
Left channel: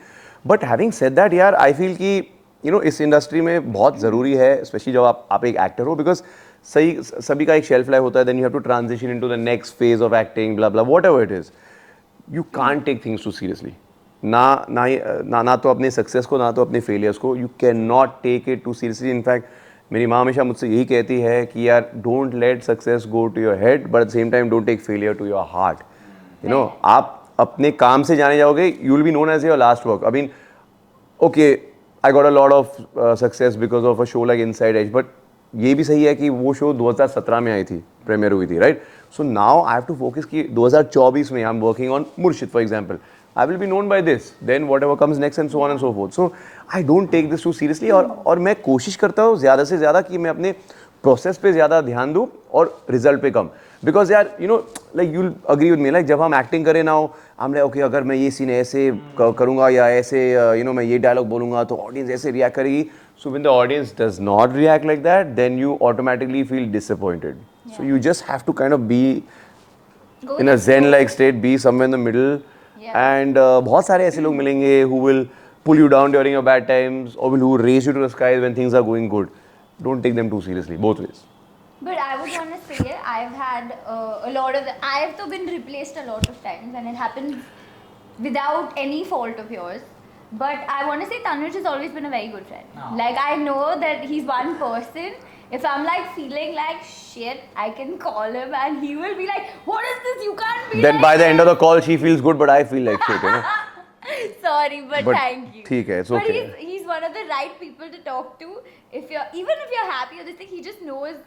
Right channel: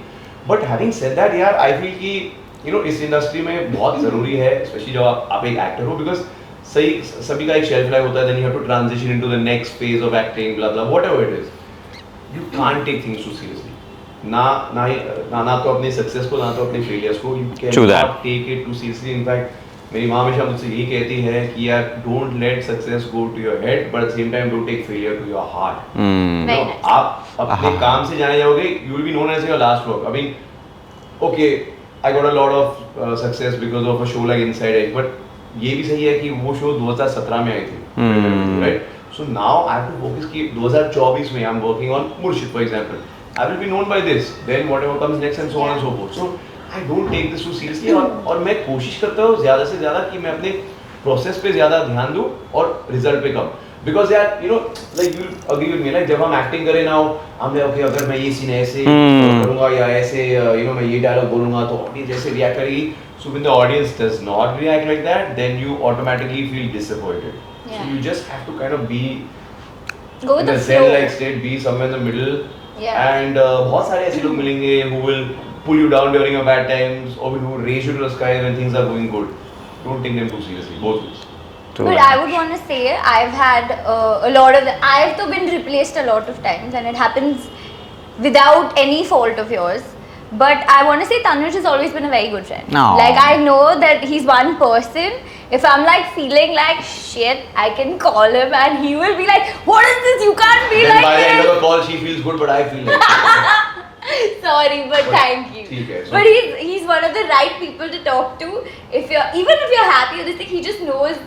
But having said that, यार, I feel कि you know इस इंडस्ट्री में बहुत ज़रूरी है, especially जब आप एक एक्टर हो, because सभी का एक शेल्फ लाइफ होता है. Then you have to transition into the next phase of acting, blah blah, whatever it is. You can't take things too seriously. ना तो अपने सक्सेस को, ना तो अपने फेलियर्स को. You cannot take it too seriously. In fact, मेरी माँ हमेशा मुझसे यही कहती है कि यार don't let success go to your head but at the same time don't take failure to your heart. No, आप अपने काम से जाने जाओगे, you will be known as your last work. I mean, okay, I got a lot of success because of a show like Inside Edge, but ये भी सही है कि वो शो 2017 में आई थी, प्रीमियर हुई थी, right? So now I have to focus कि 2024 में I am working on Murshid for example. I will be known by this, then whatever comes next and so on and so forth. So I don't take this too seriously. और मैं कोशिश करता हूँ ज़्यादा से ज़्यादा कि मैं अपने प्रोसेस पे ज़्यादा ध्यान दूँ और रिजल्ट पे कम. बिकॉज यार you know like you agree with me, like जब हम एक्टिंग करें ना, हमने ओके अगर मैं ये सीन ऐसे करूँगा या ऐसे यू नो मैं ये डायलॉग बोलूँगा तो ऑडियंस ऐसे रिएक्ट करेगी. So when the audience does not react like that, then you automatically feel disappointed. So you just have to kind of be in a zen like state, be somewhere in the middle. And बहुत सारे ऐसे लोग मिलेंगे who will pull you down during your bad times or who raise you to the sky when things are going good. Don't take them too seriously, both ways. But I would want to say I've had a lot of I've though been replaced a lot of times and it happens without any fault of yours. But I want to say Tanuj has always been a very good friend. No. Like I know that he's one person. If I'm like feeling like shit, I can call him and he will be like, "What is this? You can't be Then like by the end this." of the call, she feels good, but I feel like shit. You know? Sorry, but thank you. ठीक है, so- But he's one of the right people to talk to. If you're happy with this thing, he just knows.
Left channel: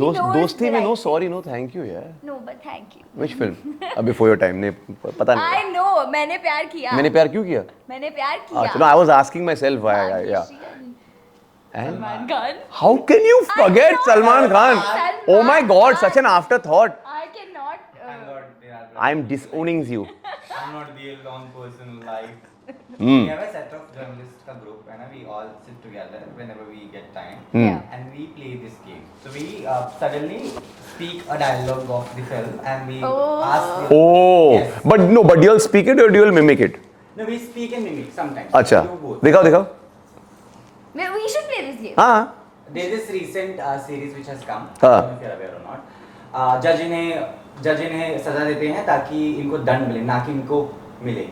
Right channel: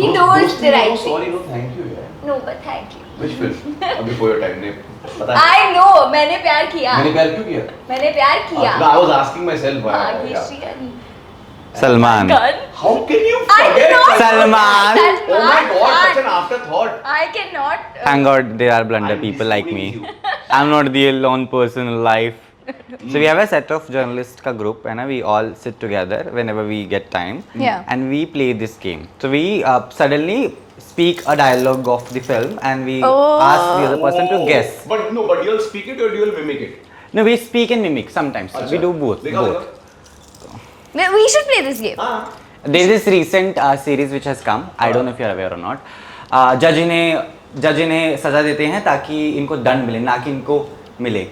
He knows the right No, thing. sorry, no, thank you, यार. No, but thank you. Which film? Before your time, ने पता नहीं. I know, मैंने प्यार किया. मैंने प्यार क्यों किया? मैंने प्यार किया. I was asking myself why. Yeah. Salman. How can you forget it, Salman. Oh my God, such an afterthought. I cannot. Thank God there are blunder I'm people like me. disowning you. I'm not the lone person in life. So we have a set of journalists ka group and we all sit together whenever we get time. Yeah. And we play this game. So we suddenly speak a dialogue of the film and we ask the other person to guess. But no, but do you all speak it or do you all mimic it? No, we speak and mimic sometimes. अच्छा. We do both. दिखाओ. We should play this game. हाँ. There's this recent series which has come. I don't know if you're aware or not. जज इन्हें सजा देते हैं ताकि इनको दंड मिले, ना कि इनको मिले.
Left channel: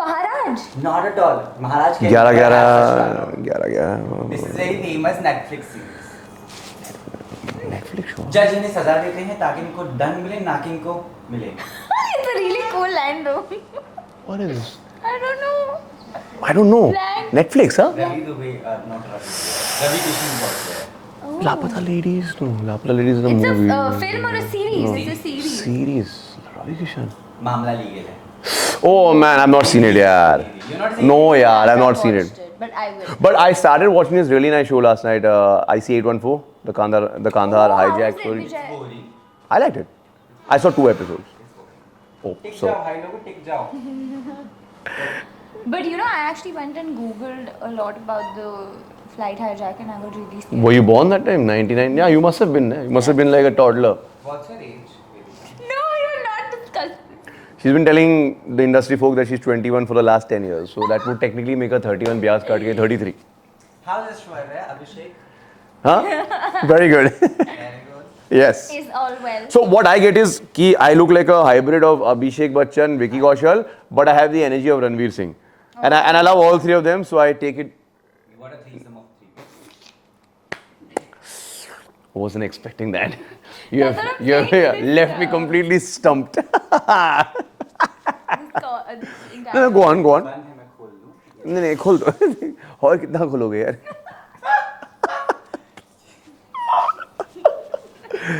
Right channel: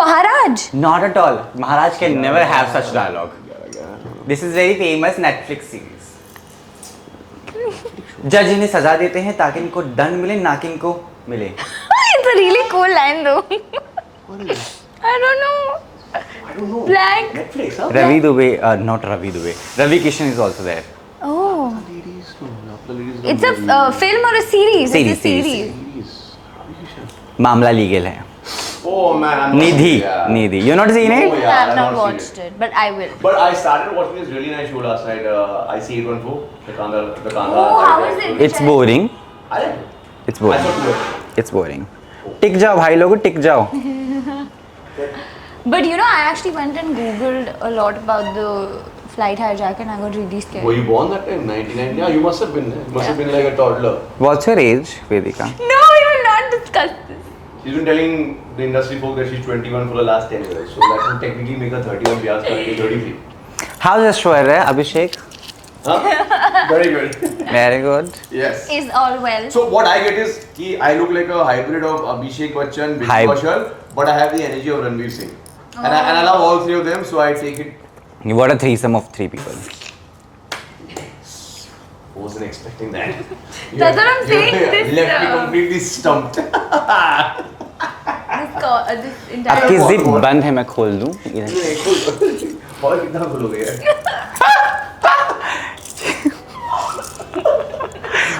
Maharaj. Not at all. Maharaj can never have such dialogue. 11. This is very famous Netflix series. जज इन्हें सजा देते हैं ताकि इनको दंड मिले, ना कि इनको मिले. It's a really cool line though. What is it? I don't know. I don't know. Blank. Netflix, huh? Ravi Dubey, not Ravi Dubey. Ravi Kishan is also there. Oh. Lapata Ladies. No, Lapata Ladies is a It's movie. a film or a series? Series, It's a series. Series. Ravi Kishan. मामला legal है. Oh man, I'm not seen it. Yeah. Nidhi. You're not seen No, it? yeah, I've I've not seen watched it. but I will. But I started watching this really nice show last night. IC814, the Kandahar Oh, how hijack. is it? It's boring. I like it. It's boring. I saw 2 episodes. It's boring. टिक जाओ भाई लोगों, टिक जाओ. But you know, I actually went and googled a lot about the flight hijack and I got really scared. Were you born that time? 99? Yeah, you must have been. You must have been like a toddler. What's your age, Vedika? No, we will not discuss this. She's been telling the industry folk that she's 21 for the last 10 years. So that would technically make her 31. Vyas Karti is 33. How's Aishwarya, Abhishek? Huh? Very good. Very good. Yes. Is all well. So what I get is कि I look like a hybrid of Abhishek Bachchan, Vicky Kaushal, but I have the energy of Ranveer Singh. And I love all three of them, so I take it. What a threesome of 3 people. I wasn't expecting that. That's what I'm saying, You this, left me completely stumped. This entire. आपकी What, zip what? बंद है, मैं खोल दूं? नहीं खुल और कितना खुलोगे यार?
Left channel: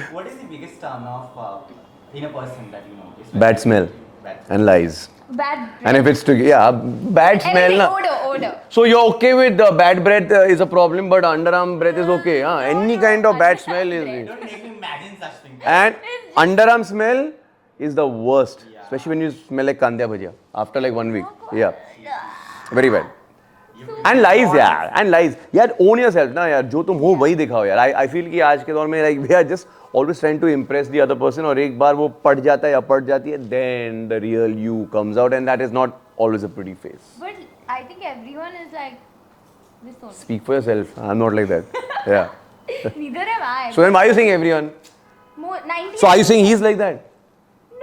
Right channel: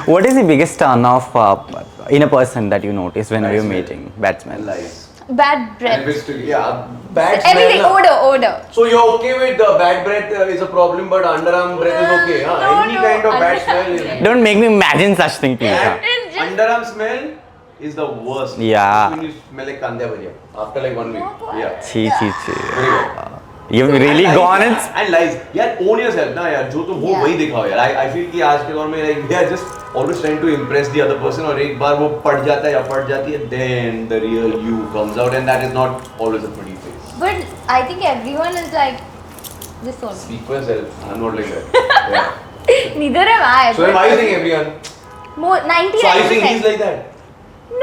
What is the biggest turn off in a person that you notice when Bad you're smell. meeting? Bad smell. And lies. Bad And breath. if it's together, yeah, bad smell. Everything, na. odor. So you're okay with bad breath is a problem, but underarm breath is okay. Huh? No, Any no, kind of bad underarm smell is. breath. Don't make me imagine such thing, please. And underarm smell is the worst. Yeah. That's when you smell like kandya bhajia after like 1 week. Yeah. छी छी छी. Very bad. You've And really lies, gone. यार. And lies. यार own yourself ना यार. जो तुम हो वही दिखाओ यार. I feel कि आज के दौर में like we are just always trying to impress the other person और एक बार वो पट जाता है या पट जाती है, then the real you comes out and that is not always a pretty face. But I think everyone is like this one. Speak for yourself. I'm not like that. Yeah. Neither am I. So then why are you saying everyone? More 90. So are you saying he's like that?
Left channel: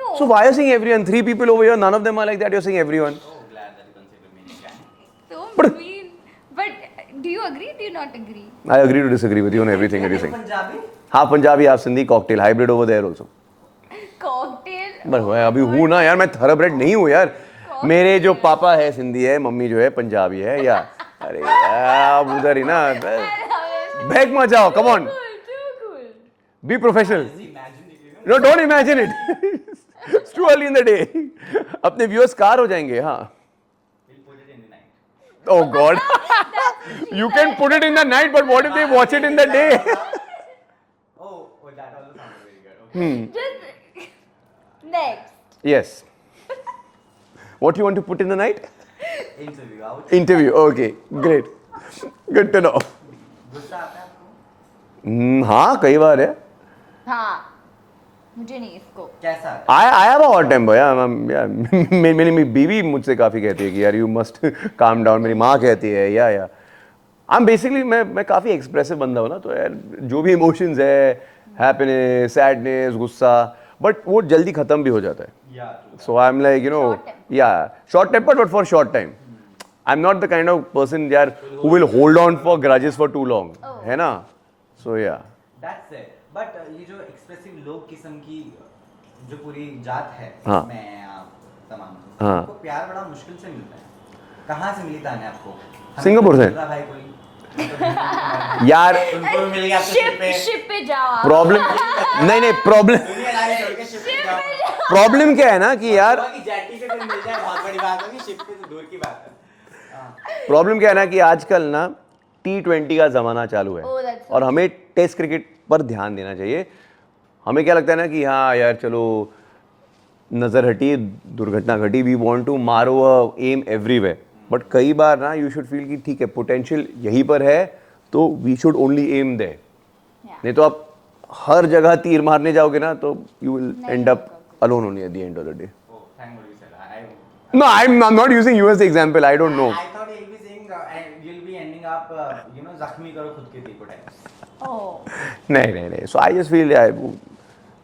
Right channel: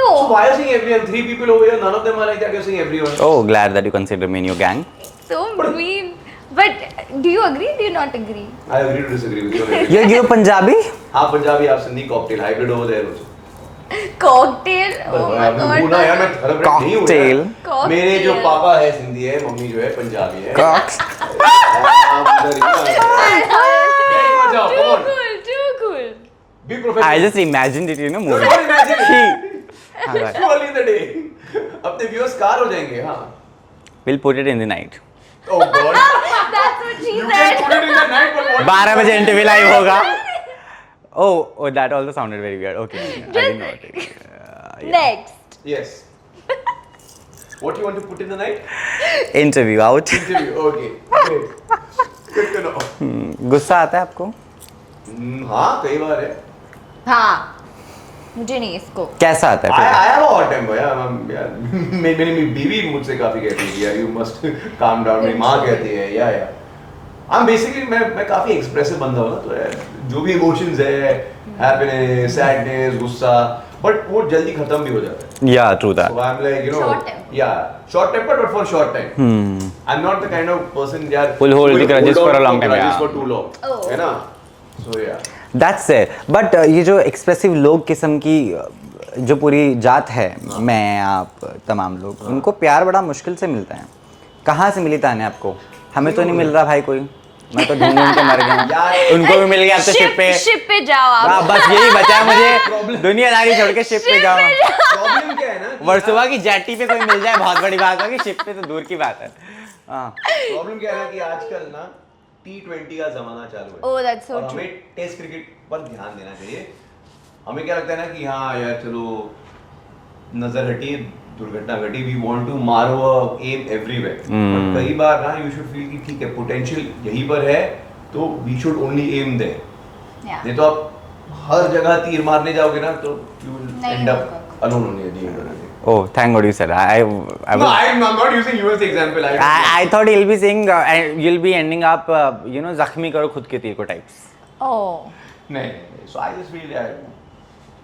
No. So why are you saying everyone? 3 people over here, none of them are like that. You're saying everyone. Oh, glad that you consider me in your gang. So mean. But do you agree? Do you not agree? I agree to disagree with you on everything. You're Punjabi? Half Punjabi, half Sindhi, cocktail, hybrid over there also. Cocktail. Oh my अभी वो ना god. यार मैं thoroughbred नहीं हूँ Cocktail. यार. मेरे जो पापा है सिंधी है, मम्मी जो है पंजाबी है. आप उधर ही ना. Break मत जाओ, come on. Too cool. Be I professional. just imagined it, you know. No, don't imagine it. It's too early in the day. अपने viewers कार हो जाएंगे, हाँ. We'll put it in the night. Oh God. That's what she You said. can put it in the night, but what if 12 you watch बजे it in NTV the live day? होगा. Oh, that also sounded very weird. Okay, I didn't know it. Next. Yes. What you want to put in the night? Interview out. Interview. Okay, great. Good to know. गुस्सा आता है आपको? हाँ, कई बार है. हाँ. मुझे नहीं इसको. कैसा आता है? I have a hot temper, yeah. मेरी बीवी मुझसे काफी कहती है कि यार you must calm down. मेरी माँ कहती है, yeah. I'm basically मैं काफी एक्सप्रेसिव बंदा हूँ ना, तो यार जो भी इमोशंस है, हैप्पीनेस, सैडनेस, गुस्सा, बट वो जल्दी खत्म भी हो जाता है. Yeah, true that. So I'm like, you know, Short temper. yeah, short tempered but for short time. I'm not the kind of person that Will hold the grudges on for a long time, grudges yeah. for too long. Oh. है ना? So yeah. That's it. But ये जो expressive लोग किस्म की जो पूरी जात है, मैं आप तमाम लोग, उनको प्यार बड़ा मुश्किल से मिलता है. कहाँ से मिली ताने आपको? हमें तो नहीं मिल रहा भाई कोई. मैं तो ढूंढ के मर गया. यार उनको भी मिल गया अब तो शिप पे. शिप पे जाओ आप. प्रॉब्लम यही बचा है. नहीं, problem- दुनियादारी छोड़ के शिप पे जाओ. प्रॉब्लम क्या है ना कि वर्सोवा यार की जेटी पे कोई मिल जाए बहुत बड़ी बात होगी. शिप पे तो दूर की बात है. हाँ. प्रॉब्लम क्या है ना कि आजकल ना T20 का जमाना चालू है Oh, that's so और हमें टेस्ट क्रिकेट पर ध्यान देना चाहिए. हमें क्या लगता है ना कि हाँ यार चलो नजर हटी, दुर्घटना घटी, वी वांट टू मारो एम एवरीवेयर, बट कई बार ना यू शुड फील कि ठीक है पोटेंशियल यहीं पर है तो we should only am there. Yeah. नहीं तो आप हर जगह तीर मारने जाओगे ना तो यू विल नहीं एंड अप होगा. alone only at the end of the day. Oh, thank God you said. No, I'm not using you as the example. I don't know. I thought you'll be saying you'll be ending up जख्मी करो खुद के तीर को types. Oh. नहीं. So I just feel यार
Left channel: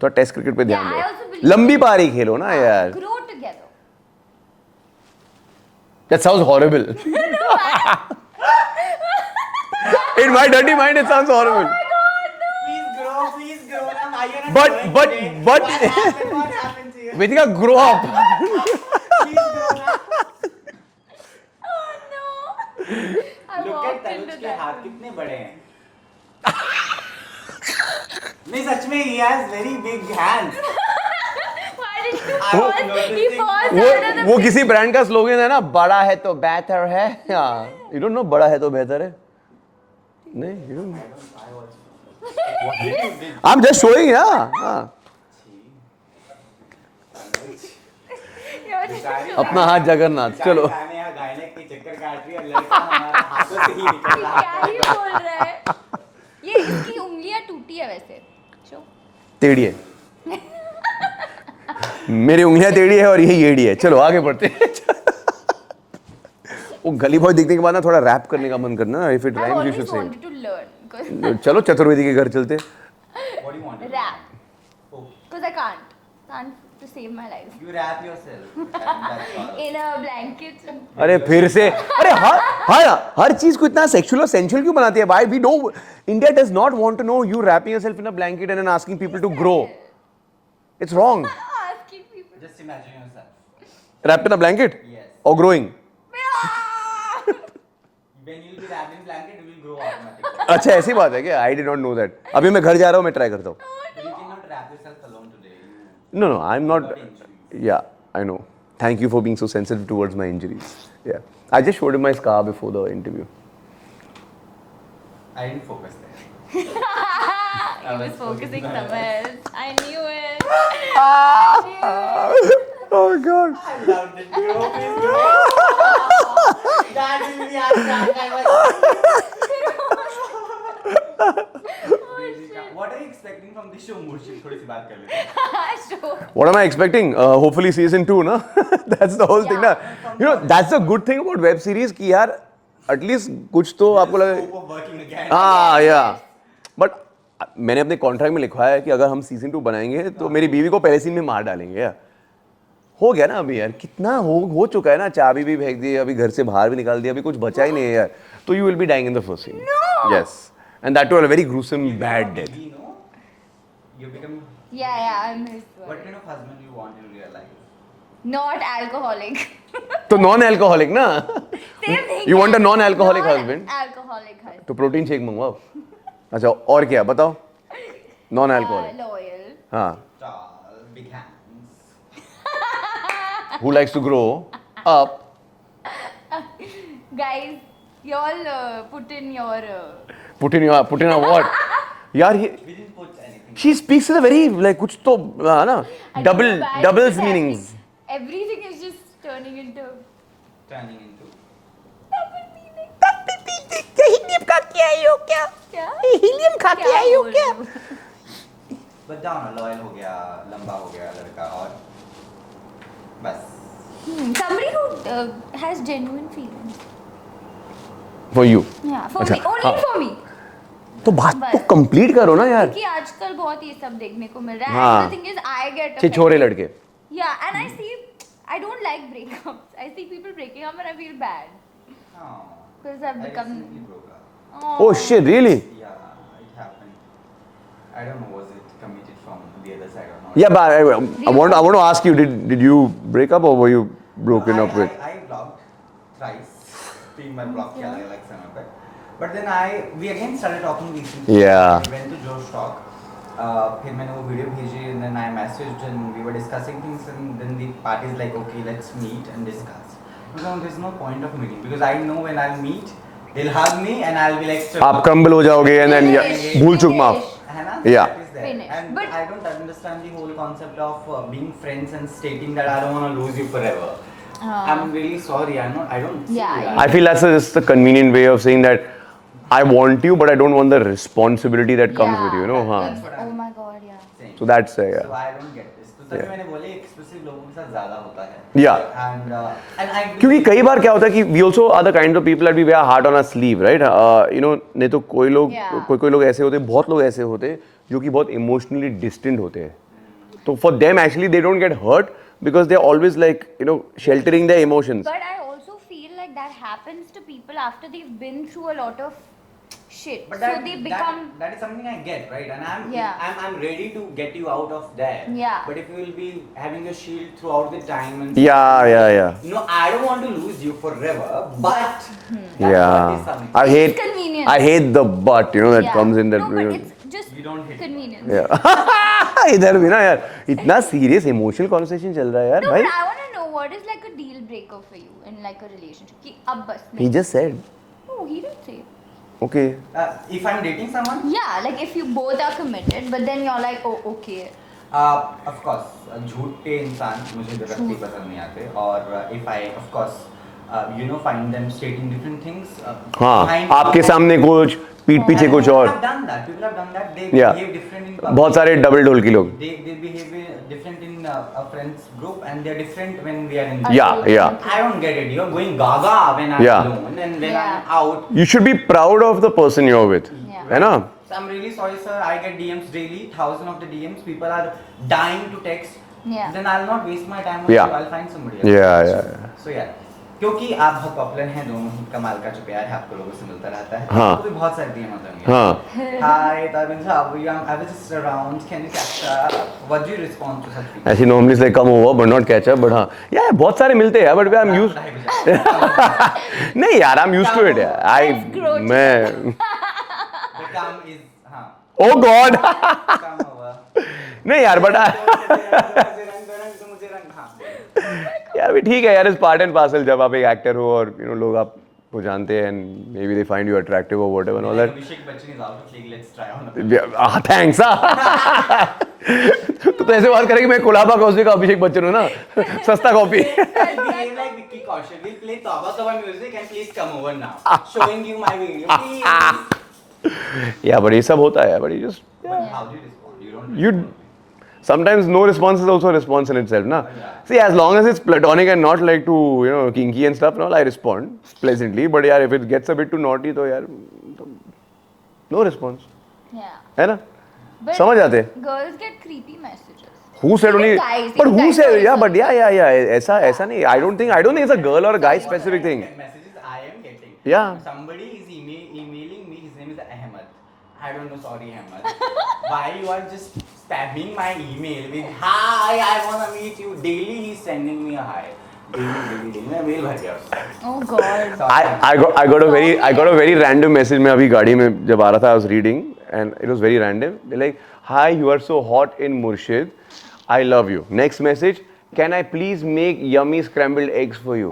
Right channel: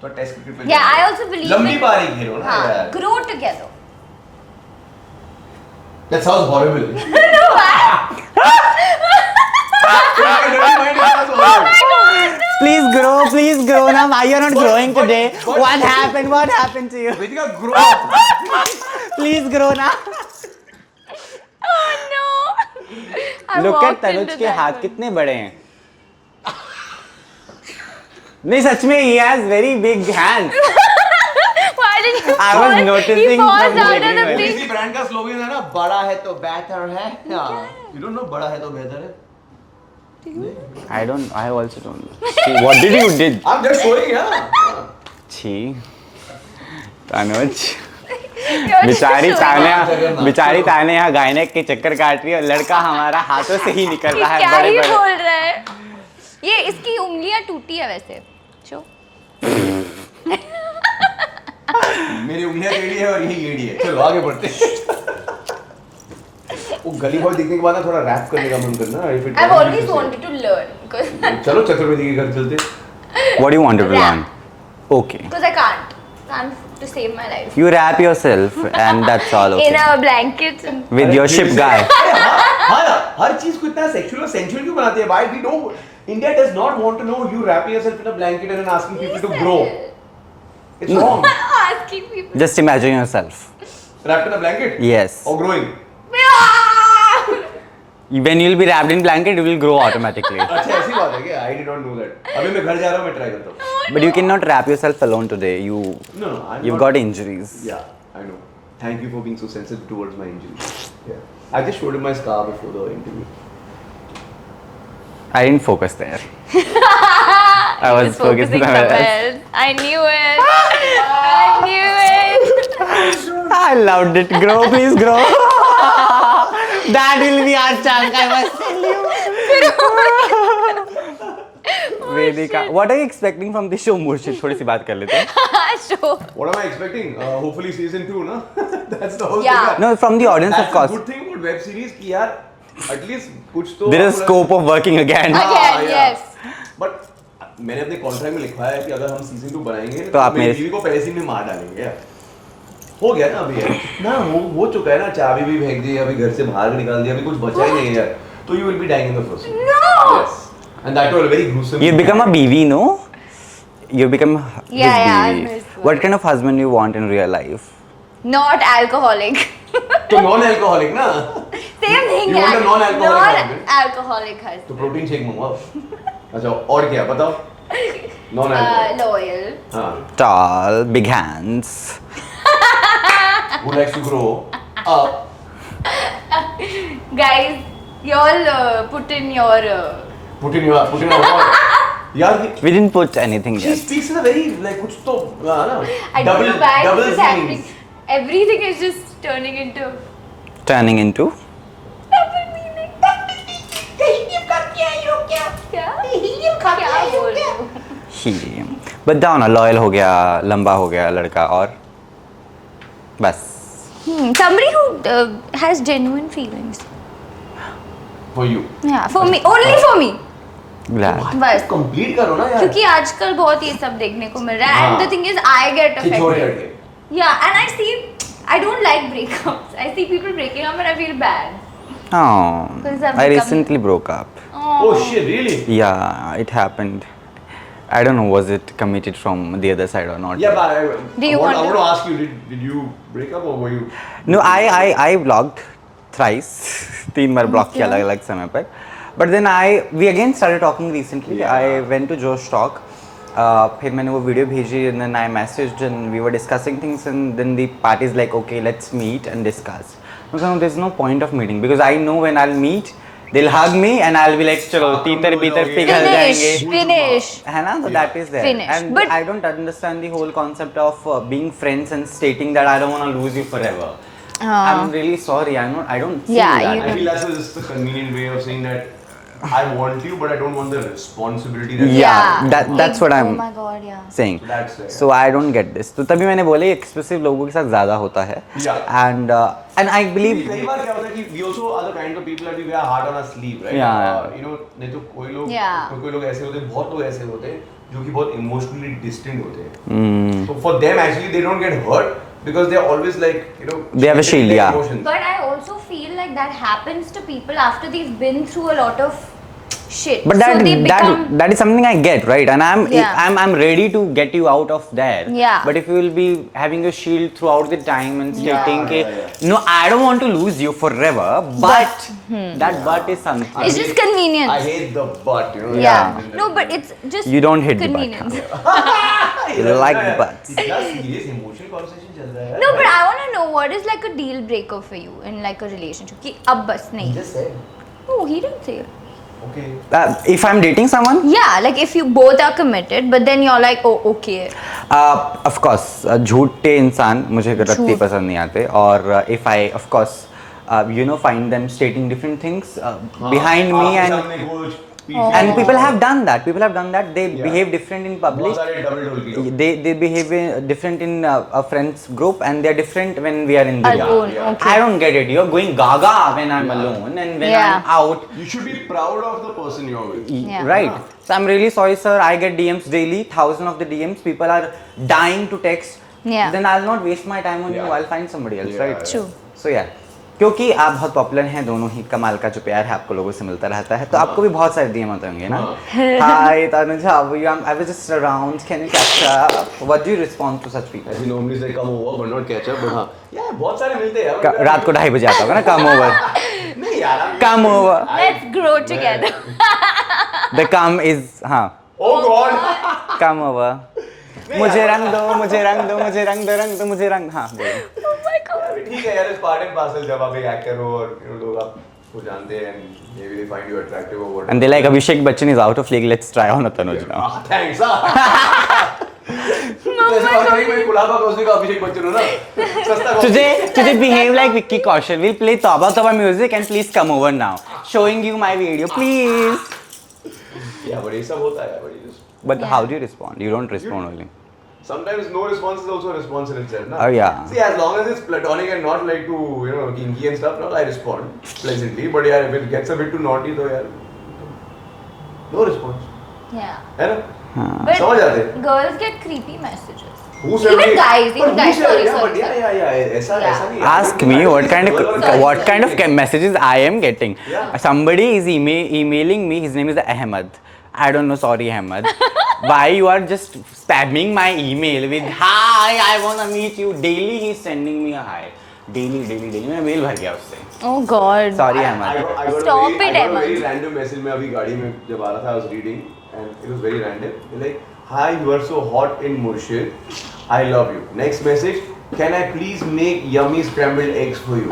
तो test cricket पे Yeah, I ध्यान also दो. believe लंबी in- पारी खेलो ना यार. Grow together. That sounds horrible. In my dirty mind it sounds horrible. Please grow now. Why you're not growing but- today? but- What happened to you? Vedika, grow up. Please grow now. Oh no. I Look at walked Tanuj into के that हाथ one. कितने बड़े हैं. नहीं सच में he has very big hands. Why did you I was fall? noticing He falls from out of the वो big- किसी brand का स्लोगन है ना, बड़ा है तो बेहतर है. You don't know बड़ा है तो बेहतर है? नहीं, you don't know. I also don't know. See, what did you did? I'm just showing, yeah. छी. तनुज. बेचारी just जगन्नाथ, ताने बेचारी चलो। ताने यहाँ गायनेक के चक्कर काट रही है और लड़का हमारा हाथों से ही निकलता है क्या बड़े ही बड़े बोल रहा है ये इसकी उंगलियां टूटी है वैसे शो टेढ़ी है मेरी उंगलियां टेढ़ी है और ये येड़ी है। चलो आगे बढ़ते हैं। वो गली बॉय दिखने के बाद ना थोड़ा रैप करने का मन करना। If it I've was always to say. wanted to learn because चलो चतुर्वेदी के घर चलते। What do you wanted to Rap. learn? Okay. I can't to save my life You wrap yourself and that's all in okay. a blanket With अरे your फिर ship से- guy. अरे हर चीज को इतना सेक्सुअल और सेंसुअल क्यों बनाते हैं? Why we don't? India does not want to know you wrap yourself in a blanket and then asking people to grow. It's wrong. asking people Just imagine yourself. Wrapped in a blanket? Yes. Or growing? When you'll be wrapped in blanket, you will grow automatically. अच्छा ऐसी बात है क्या? I did not know that. अभी मैं घर जा रहा हूँ मैं ट्राई करता हूँ। But you cannot wrap yourself alone today. No, I'm You've not. got injuries. Yeah, I know. Thank you for being so sensitive towards my injuries. Yeah. I just showed him my scar before the interview. I didn't focus there. I was Just focused focusing somewhere somewhere else. else. I knew it. I knew it. I loved it. Grow, please grow. That will be our Vedika, what are you expecting from this show, Murshid? थोड़ी सी बात कर लेते हैं. Sure. What am I expecting? Hopefully season 2, no? That's the whole Yeah. thing. No, from the audience, That's of the course. good thing about web series कि यार at least कुछ तो There is आपको scope of working again. Yes, yeah. yes. But मैंने अपने contract में लिखवाया है कि अगर हम सीजन 2 बनाएंगे तो आप मेरी मेरे- बीवी को पहले सीन में मार डालेंगे यार। हो गया ना अभी यार कितना हो चुका है ना चाबी भी फेंक दी अभी घर से बाहर भी निकाल दिया अभी कुछ बचा ही नहीं है यार तो you will be dying in the first scene. No. Yes. And that was a very gruesome. You become a bad- BV, no? You become his Yeah, yeah, BV. I know. What kind of husband you want in real life? Not alcoholic. तो non-alcoholic ना Same thing. You want a non-alcoholic husband? Non-alcoholic husband. तो protein shake मंगवाओ अच्छा और क्या बताओ non-alcoholic Loyal. हाँ Tall, big hands. who likes to grow up Guys, you all put in your. put in a what यार ये We didn't put anything she there. speaks in a very like कुछ तो ना I don't know why double this is happening. meanings Everything is just turning into. Turning into Double meaning. Helium का क्या यो क्या? क्या? Helium का क्या यो क्या? helium. But down, loyal हो गया, लंबा हो गया लड़का और बस. Somebody who has genuine feelings. for you Yeah, for me, only for me. तो बात बस। कंप्लीट करो ना यार क्योंकि आजकल बहुत ये सब देखने को मिल रहा है. हाँ। And the thing is, I get affected. छिछोरे लड़के Yeah, and I don't like breakups. I see people breaking up and I feel bad. Oh, Because I've I become- recently broke up. oh shit really Yeah, it happened. I don't know, was it committed from the other side or not? yeah but I you want want- to ask you did you break up or were you No, broken up with? I blocked thrice. 3 bar block किया अलग-अलग समय पर. But then we again started talking recently. Yeah. I went to Josh Talk. फिर मैंने वो video भेजी and then I messaged and we were discussing things and then the party's like, okay, let's meet and discuss. No, there's no point of meeting because I know when I'll meet, they'll hug me and I'll be like, चलो आप कंबल हो जाओगे picture and then Finish. भूल चूक माफ Finish. है ना? So Yeah. that is there. Finished. And But- I don't understand the whole concept of being friends and stating that I don't want to lose you forever. I'm really sorry. I don't see Yeah, that. you- I feel that's just a convenient way of saying that I want you but I don't want the responsibility that Yeah, comes with it, that's what I'm Oh my god, yeah. saying. So that's yeah. So I don't get this. तो तभी मैंने बोले expressive लोगों के साथ ज़्यादा होता है. Yeah. And I क्योंकि believe कई बार क्या होता है कि we also are the kind of people that we wear heart on our sleeve, right? Yeah. You know, नहीं तो कोई लोग Yeah. कोई लोग ऐसे होते हैं, बहुत लोग ऐसे होते हैं जो कि बहुत emotionally distant होते हैं. So for them actually they don't get hurt because they're always like you know They have a sheltering shield, their yeah. emotions. But I also feel like that happens to people after they've been through a lot of shit. But so they become. that is something I get, right? And Yeah. I'm ready to get you out of there. Yeah. But if you will be having a shield throughout the time and Yeah, stating yeah, it, yeah. No, I don't want to lose you forever. But that but is something. I It's hate, just convenience. I hate the but you know that Yeah. comes in that. No, but it's just. You don't hit the butt, convenience. इधर You like ना यार, the butts. इतना serious emotional conversation चल रहा है यार No, भाई. but I want to know what is like a deal breaker for you in like a relationship. कि अब बस He नहीं. just said, No, he didn't say. okay. If I'm dating someone, Yeah, like if you both are committed, but then you're like, oh, okay. Of course झूठे इंसान मुझे रत्ती पसंद नहीं आते और if I of course you know find them stating different things behind me आपके and- सामने कुछ पीठ पीछे and कुछ people और have done that they Yeah. behave different in public बहुत सारे डबल डोल की लोग they behave different in a friends group and they are different when we are in the Yeah, Alone, yeah. okay. I don't get it. You're going gaga when I'm Yeah. alone and when Yeah. I'm out. You should be proud of the person you're with. Yeah. Right. है ना? So I'm really sorry, sir. I get DMs daily, thousands of the DMs. People are dying to text. Yeah. Then I'll not waste my time on Yeah. you. I'll find somebody else. Yeah, right? yeah. So yeah. क्योंकि आप बहुत popular हैं दोनों ही कमाल का जो प्यार है आपको लोगों से मिलता रहता है तो हाँ. आपको भी बहुत सारे DM आते होंगे हाँ. हाय Tanuj how are you I was just around can you catch up what do you respond to such people ऐसे normally say come over but not catch up but हाँ यार बहुत सारे मिलते हैं but रात को 2:30 बजे आता हूँ ना come over नहीं यार I'm used Come to it. over. Let's grow मैं the come is हाँ oh god come over नहीं यार मुझे but रंग दो मुझे रंग दो मुझे रंग दो मुझे रंग हाँ बोलो यार भी ठीक है यार इट्स पार्ट एंड पार्सल जब आप एक एक्टर हो और यू नो लोग आपको जानते हैं and may be they find you attractive और whatever and they like Abhishek Bachchan is out of league let's try on Tanuj thanks तो ऐसे बात करेंगे मैं कोलाबा कौसी का अभिषेक बच्चन हूं ना सस्ता coffee Today behave like Vicky Kaushal. We'll play Tauba Tauba music and please come over now. Showing you my video, please. या बट ये सब होता है but just But how do you respond? You don't respond only. sometimes no response is also a response in itself na Oh, yeah. see as long as it's platonic and not like to you know kinky and stuff no I respond pleasantly but yeah if it gets a bit too naughty तो यार no response Yeah. है ना But समझ आते girls get creepy messages. who said Even we guys, but even who guys said also. yeah but yeah ऐसा Yeah. ऐसा नहीं I don't Ask think- I me don't what think kind it's a girl or a guy what kind of thing. messages I am getting. Yeah. Somebody is emailing me. His name is Ahmed. I don't know. Sorry, Ahmed. Why you are just spamming my email with hi? I wanna meet you. Daily he's sending me a hi. Daily. मैं mail भर गया उससे. Oh God. Sorry, I Ahmed. got a Stop very it, I got a Emma. very random message मैं अभी गाड़ी में जब आ रहा था I was reading and it was very random they're like hi you are so hot in Murshid I love you next message can I please make yummy scrambled eggs for you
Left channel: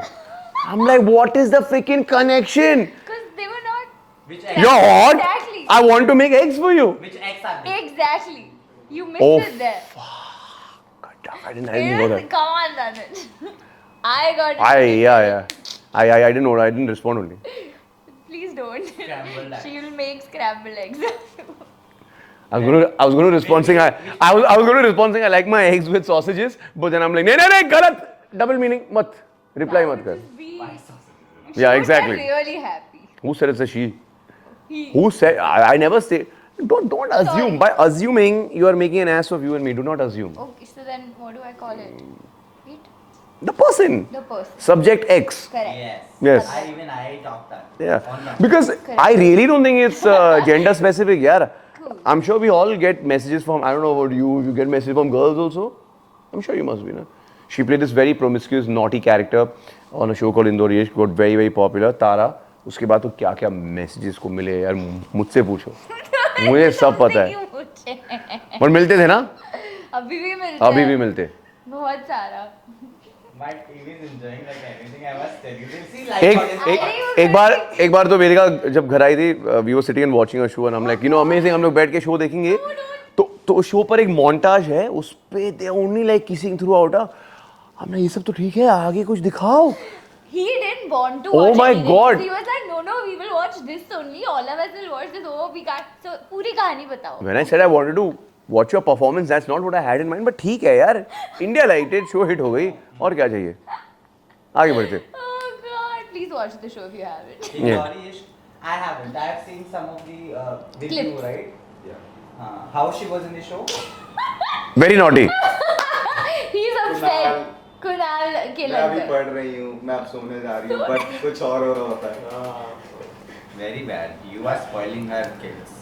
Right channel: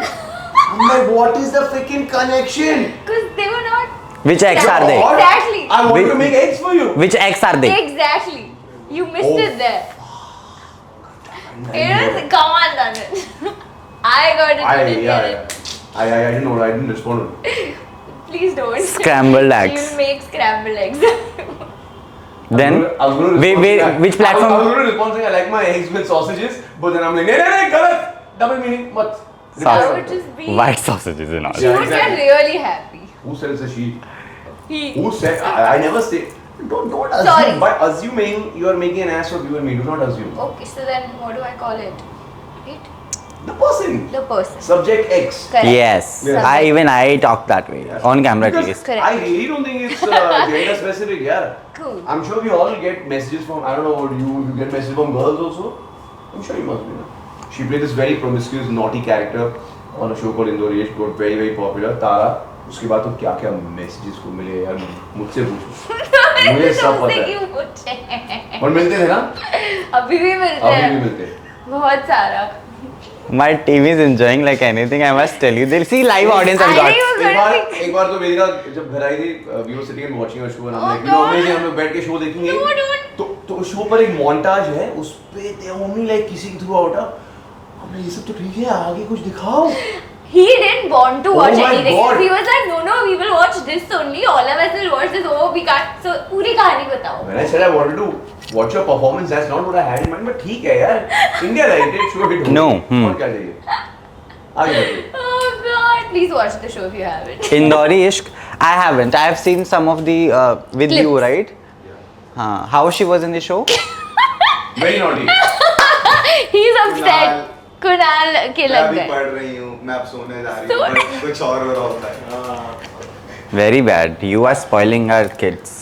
I'm like what is the freaking connection Because they were not. Which ex Yeah, are they? what? Exactly. I want to make eggs for you Which ex are they? Exactly. You missed Oh. it there. I didn't It know is, that. come on, Tanit. I got it. I you yeah get yeah I didn't know I didn't respond it. Please don't. Scrambled eggs. You'll make scrambled eggs. Then I was going to respond wait, saying which I was platform? going to respond saying I like my eggs with sausages but then I'm like नहीं गलत double meaning मत reply I मत would कर. just be. white sausages and all. Yeah, You would exactly. get really happy. Who said it's a she? He. Who said? I never say. Don't assume. Sorry. By assuming you are making an ass of you and me. Do not assume. Okay, so then what do I call it? It? The person. The person. Subject X. Correct. Yes. Yes. I talk that way on camera. Because please. Correct. I really don't think it's gender specific. Yeah. Cool. I'm sure we all get messages from. I don't know about you. You get messages from girls also. I'm sure you must be. No? She played this very promiscuous, naughty character on a show called Indoriyesh. Got very, very popular. Tara. उसके बाद तो क्या क्या messages को मिले यार मुझसे पूछो मुझे सब पता है और मिलते थे ना अभी भी मिलते अभी हैं भी मिलते बहुत सारा My team is enjoying like anything. I must tell you. They'll see live audience. I've got. एक बार तो वेदिका जब घर आई थी we were sitting and watching a show and I am like you know amazing हम लोग बैठ के शो देखेंगे No, don't. तो शो पर एक मोंटाज है उस पे they only like kissing through out हमने ये सब तो ठीक है आगे कुछ दिखाओ He didn't want to Oh watch my anything. God. He was like, no, we will watch this only. All of us will watch this. Oh, we can't. So, पूरी कहानी बताओ. When I said I wanted to watch your performance, that's not what I had in mind. But ठीक है यार, India rated show hit No, और क्या चाहिए? आगे बढ़ते. Oh God! Please watch the show if you haven't. Indori Ishq. I haven't. I have seen some of the with Clips. you, right? How she was in the show? Very naughty. He's upset. Kunal के मैं लग अभी गए. पढ़ रही हूँ मैं अब सोने जा रही हूँ So- बट कुछ और हो रहा होता है Very bad. You are spoiling our kids.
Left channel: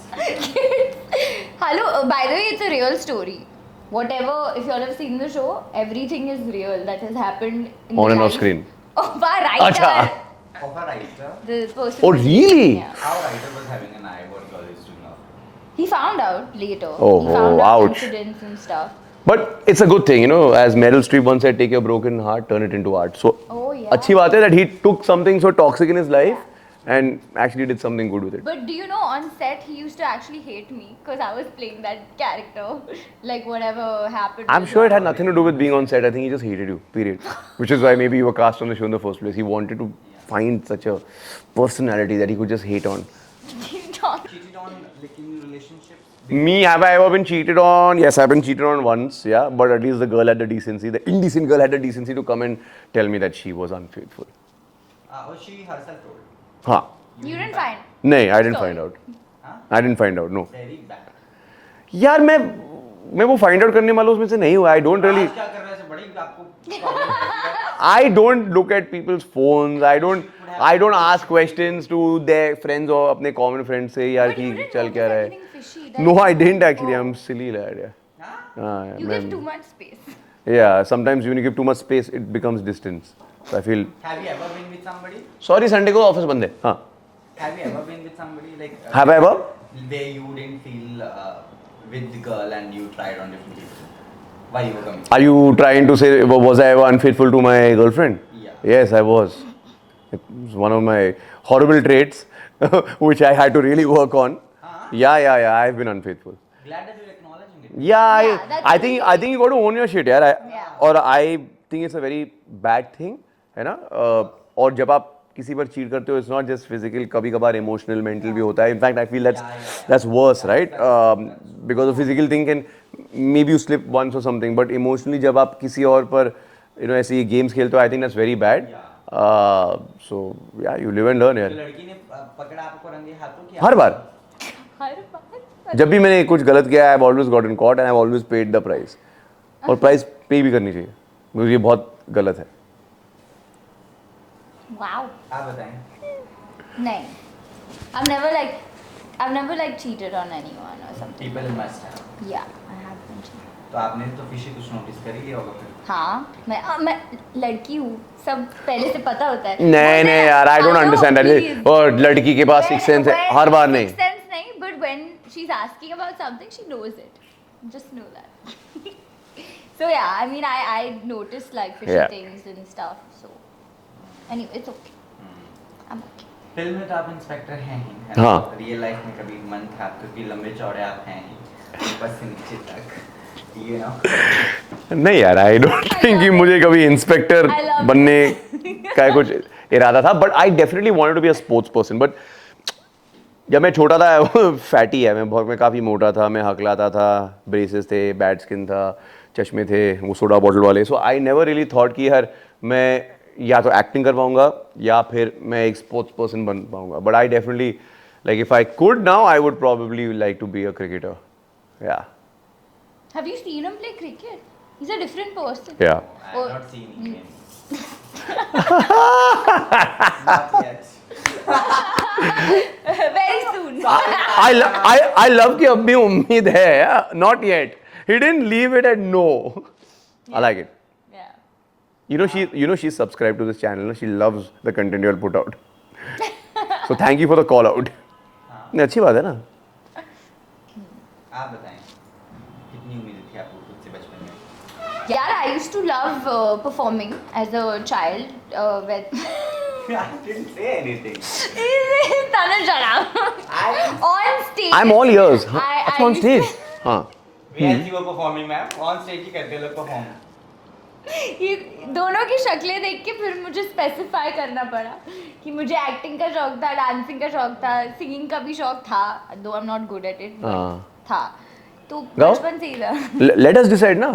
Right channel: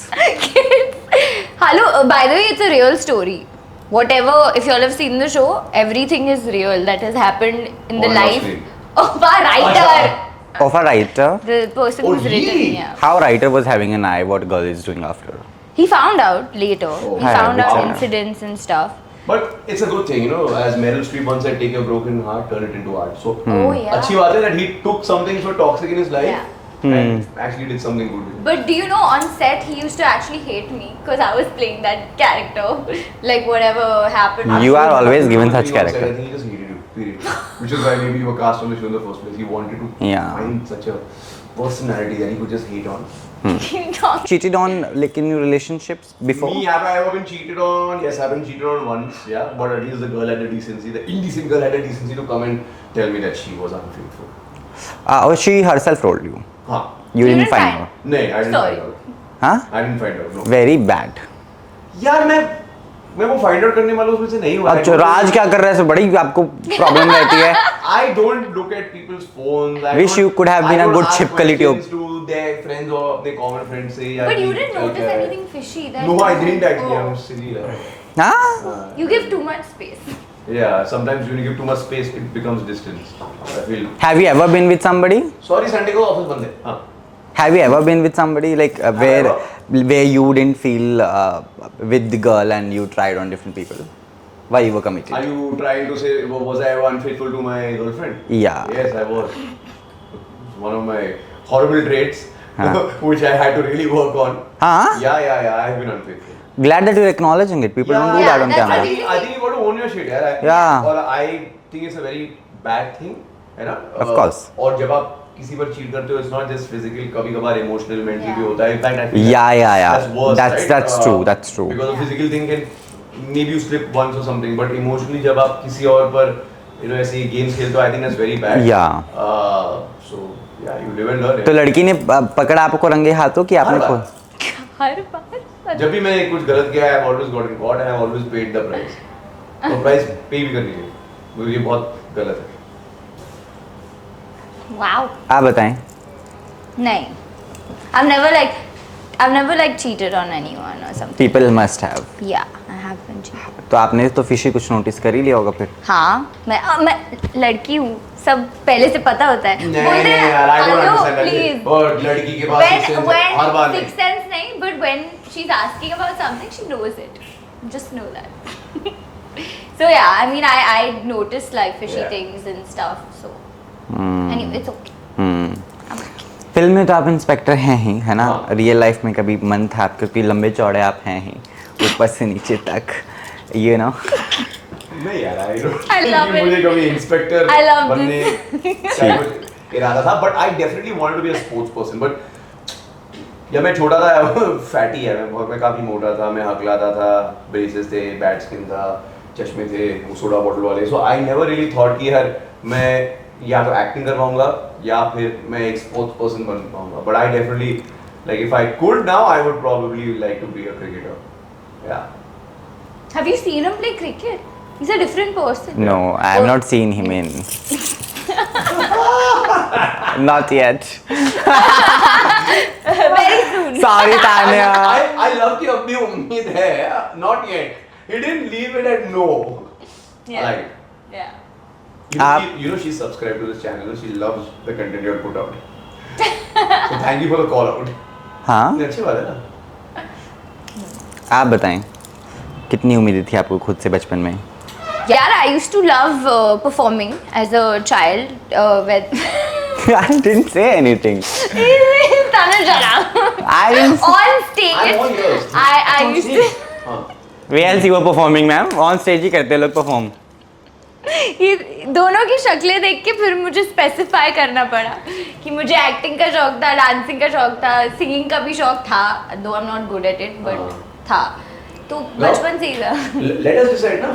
Hello. By the way, it's a real story. Whatever, if you all have seen the show, everything is real that has happened in the On and off life screen. of our writer. अच्छा. Of a writer. The person Oh, who's really? written, yeah. How writer was having an eye. What girl is doing after? He found out later. Oh, He found out wow. incidents and stuff. But it's a good thing, you know, as Meryl Streep once said, take your broken heart, turn it into art. So, Oh, yeah. अच्छी बात है that he took something so toxic in his life, Yeah. and actually did something good with it. But do you know, on set he used to actually hate me because I was playing that character. Like whatever happened. You Sure are it had always nothing to do given with such being on set. character. I think he just hated you, period. Which is why maybe you were cast on the show in the first place. He wanted to Yeah. find such a personality that he could just hate on. Cheated on like in your relationships before? Me, have I ever been cheated on? Yes, I've been cheated on once, yeah. But at least the girl had the decency, the indecent girl had the decency to come and tell me that she was unfaithful. Or she herself told you? Huh. You You didn't didn't find find? out? No, I didn't Sorry. find out. Huh? I didn't find out, no. Very bad. यार मैं वो find out करने वालों उसमें से नहीं हुआ. I अच्छा, don't राज really- क्या कर रहा है? बड़ी आपको प्रॉब्लम रहती है. I don't look at people's phones. I Wish don't, you could have I been a don't good ask chip quality of- questions to their friends or अपने common friends से यार But you कि didn't चल notice क्या रहा है. anything fishy. That No, I didn't actually. Oh. I'm silly lad. Huh? You give too much space. Yeah, sometimes when you give too much space, it becomes distance. I feel. Have you ever been with somebody? Sorry, Sunday को office बंद है. हाँ. Have you ever been with somebody like Have I where you didn't feel with the girl and you tried on different people while you were committed? Are you trying to say was I ever unfaithful to my girlfriend? Yeah. Yes, I was. It's one of my horrible traits, which I had to really work on. Huh? Yeah. I've been unfaithful. Glad that you're acknowledging it. People don't do yeah, that on that's- camera. I think you got to own your shit, यार. Yeah. और I think it's a very bad thing, है ना? Of course. और जब आप किसी पर cheat करते हो, it's not just physical, कभी-कभार emotional, mental भी होता है. In fact, I feel Yeah. that's worse, That's- right? that's true, that's true. Because a physical thing can maybe you slip once or something, but emotionally जब आप किसी और पर ऐसे games खेलते हो, I think that's very bad. Yeah. So yeah, you live and learn. तो लड़की ने पकड़ा आपको रंगे हाथों कि हर आपको बार. हर बार. जब भी मैंने कुछ गलत किया, I've always gotten caught and I've always paid the price. और price pay भी करनी चाहिए. क्योंकि ये बहुत गलत है. Wow. आप बताएं. नहीं. I've never like cheated on anyone or something. People must have. Yeah, I have been cheated. तो आपने तो फिशी कुछ नोटिस कर ही लिया होगा फिर. हाँ, मैं लड़की हूँ. सब पहले से पता होता है. नहीं यार, I don't understand that. और लड़की के पास sixth sense है, हर बार नहीं. Sixth sense नहीं, but when she's asking about something, she knows it. Just know that. So yeah, I mean, I noticed like fishy Yeah. things and stuff. So anyway, it's okay. I'm okay. Film में तो आप inspector हैं ही, है ना? हाँ. Real life में कभी मन था क्योंकि लंबे चौड़े आप हैं ही, ऊपर से नीचे तक, you know? नहीं यार, I don't I think love कि it. मुझे कभी इंस्पेक्टर I love बनने का कुछ इरादा था, but I definitely wanted to be a sports person. But जब मैं छोटा था, फैटी है मैं काफी मोटा था, मैं हकलाता था, ब्रेसेस थे, बैड स्किन था, चश्मे थे, वो सोडा बॉटल वाले. So I never really thought कि यार मैं या तो एक्टिंग कर पाऊंगा या फिर मैं एक स्पोर्ट्स पर्सन बन पाऊंगा. But I definitely like if I could now, I would probably like to be a cricketer. Yeah. Have you seen him play cricket? He's a different person. No, I have not seen him in. Not yet. Very soon. Sorry, Tanya. I love कि अब भी उम्मीद है. Not yet. He didn't leave it at no. I like it. Yeah. You know she's subscribed to this channel. She loves the content you have put out. So thank you for the call out. हाँ, अच्छी बात है ना. आप बताएं कितनी उम्मीदें थी आपको खुद से बचपन में? Yeah, I used to love performing as a child. When I didn't say anything. Tanu, shut up. I didn't. On stage. I'm all ears. I on used stage. to. हाँ. Where else you were performing, ma'am? On stage ही करते हैं लोग perform. ये दोनों की शक्लें देख के फिर मुझे स्पेसिफाई करना पड़ा कि मुझे एक्टिंग का शौक था, डांसिंग का शौक था, सिंगिंग का भी शौक था. Though I'm not good at it, but था. तो बचपन से ही था. Let us decide ना.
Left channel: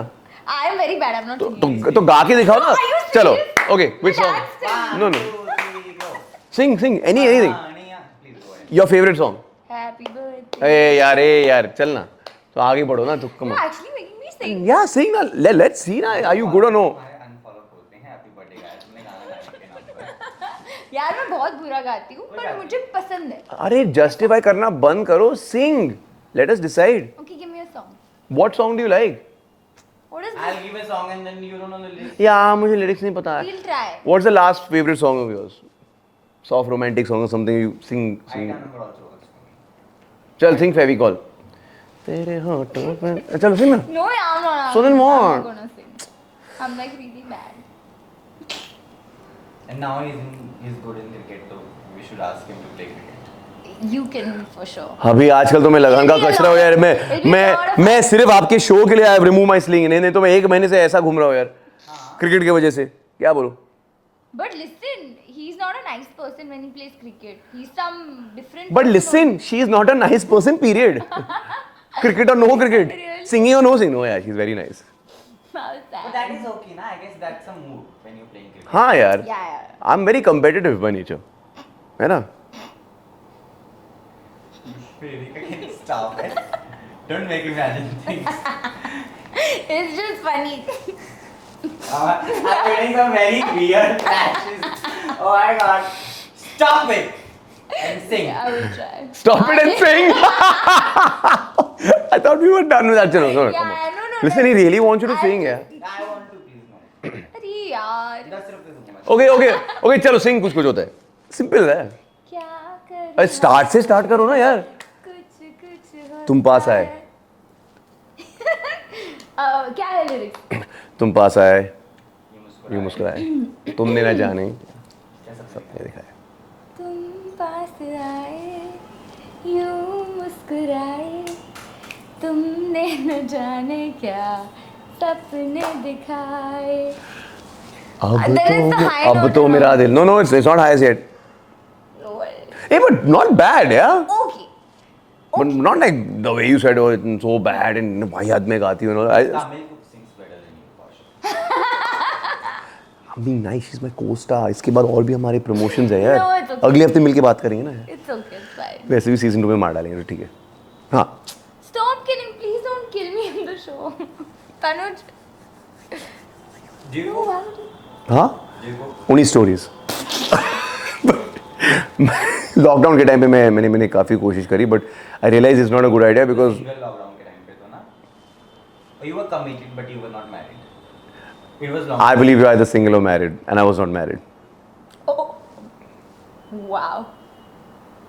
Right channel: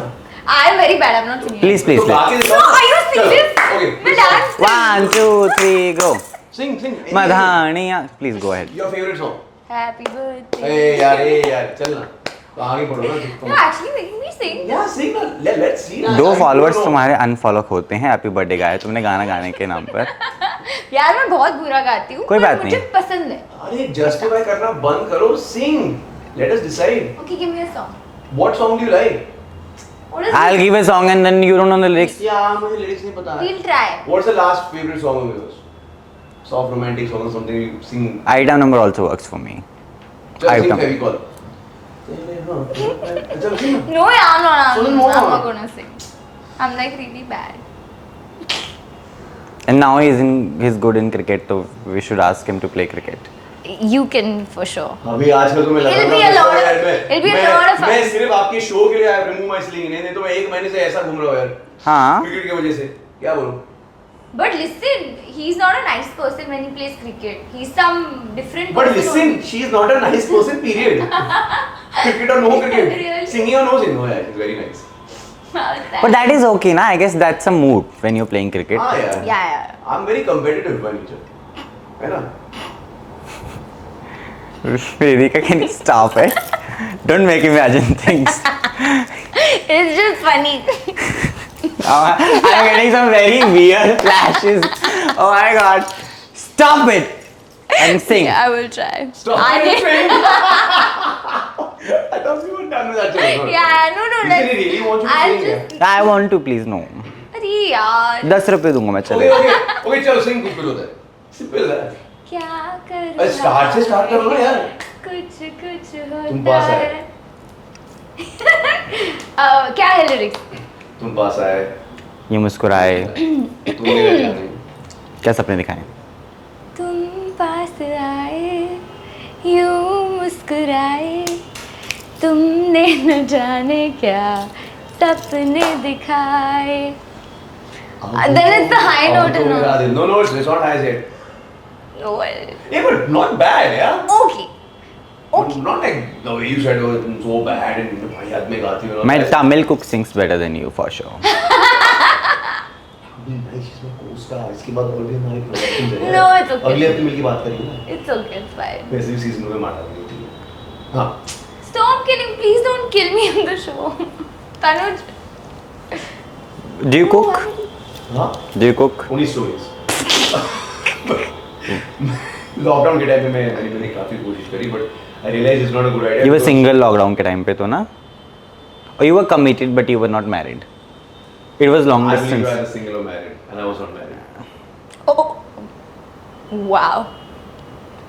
I'm very bad. I'm not singing. Please, तो please. गा के दिखाओ No, ना. are you चलो. serious? Okay. मैं which song? dance. 1, 2, 3, go. Sing. Anything. मधानियाँ. Please go ahead. Your favorite song. Happy birthday. ए यार चल ना. तो आगे बढ़ो ना तुम. No, actually making me sing. Yeah, sing ना. Let's see ना. दो I फॉलोअर्स don't know. तुम्हारे अनफॉलो होते हैं हैप्पी बर्थडे गाया तुमने गाना गाने के नाम पर. यार मैं बहुत बुरा गाती हूँ. कोई पर बात मुझे नहीं. पसंद है. अरे justify करना बंद करो. Sing. Let us decide. Okay, give me a song. What song do you like? What is I'll it? give a song and then you don't know the lyrics. Yeah, मुझे lyrics नहीं पता है. We'll try. What's the last favorite song of yours? Soft romantic song or something you sing? Item number also works for me. चल sing Item. Fevicol. तेरे होठों पे चल sing ना. No, yeah, I'm not. Sing more. I'm not gonna sing. I'm like really bad. And now he's good in cricket, so we should ask him to play cricket. You can for sure. अभी आजकल तो मैं It'll लगातार be a बच रहा हूँ lot- यार it'll be a lot of मैं fun. सिर्फ आपके शो के लिए आई रिमूव माय स्लिंग नहीं तो मैं 1 महीने से ऐसा घूम रहा हूँ यार हाँ क्रिकेट की वजह से क्या बोलूं But listen, he's not a nice person when he plays cricket. He's some different. But person listen, only. she is not a nice person, period. Cricket or no cricket. Really? Singing or no singing. Oh, yeah, she's very nice. How's that? but that is okay na I guess that's a mood when you're playing cricket. हाँ यार. Yeah. I'm very competitive by nature. है ना? Vedika, can you stop it? Don't make him imagine things. It's just funny. I'm getting some very weird flashes. Oh my god. Stop it and sing. Yeah, I will try. Stop I it can- saying. I thought we were done with that. Chalo, Yeah, no. Listen, he really wants you to I'll sing. just- Yeah. I want to please no. अरे यार 10 रुपए दूंगा मैं Okay, चलो. okay, चलो sing कुछ होता है. Simple है. क्या कर अरे start से start करो ना यार. कुछ होता तुम पास आए. है। क्या है लिरिक्स? तुम पास आए. ये मुस्कुराए. तुम मेरा जाने. क्या सपने दिखाने दिखाए. तुम पास आए यूं मुस्कुराए तुमने न जाने क्या सपने दिखाए. Then it's the high अब note तो and मेरा all. दिल. No, it's not high as yet. No, Hey, but not bad, yeah. okay. But not like the way you said, oh, it's so bad and भाई हाथ में गाती हो. My Tamil cook sings better than you for sure. I mean, nice, she's my co-star. इसके बाद और भी हमारे promotions हैं यार. No, it's okay. अगले हफ्ते मिलके बात करेंगे ना. It's okay, it's fine. वैसे भी season 2 में मार डालेंगे, ठीक है. हाँ. Stop killing, please don't kill me on the show. Tanuj. Do you cook? हाँ. Do you cook? Only stories. Lockdown के टाइम पे मैंने काफी कोशिश करी but I realise it's not a good idea. You were single lockdown के time पे तो ना? Or you were committed but you were not married. It was long. I believe distance. you're either single or married and I was not married. Oh. Wow.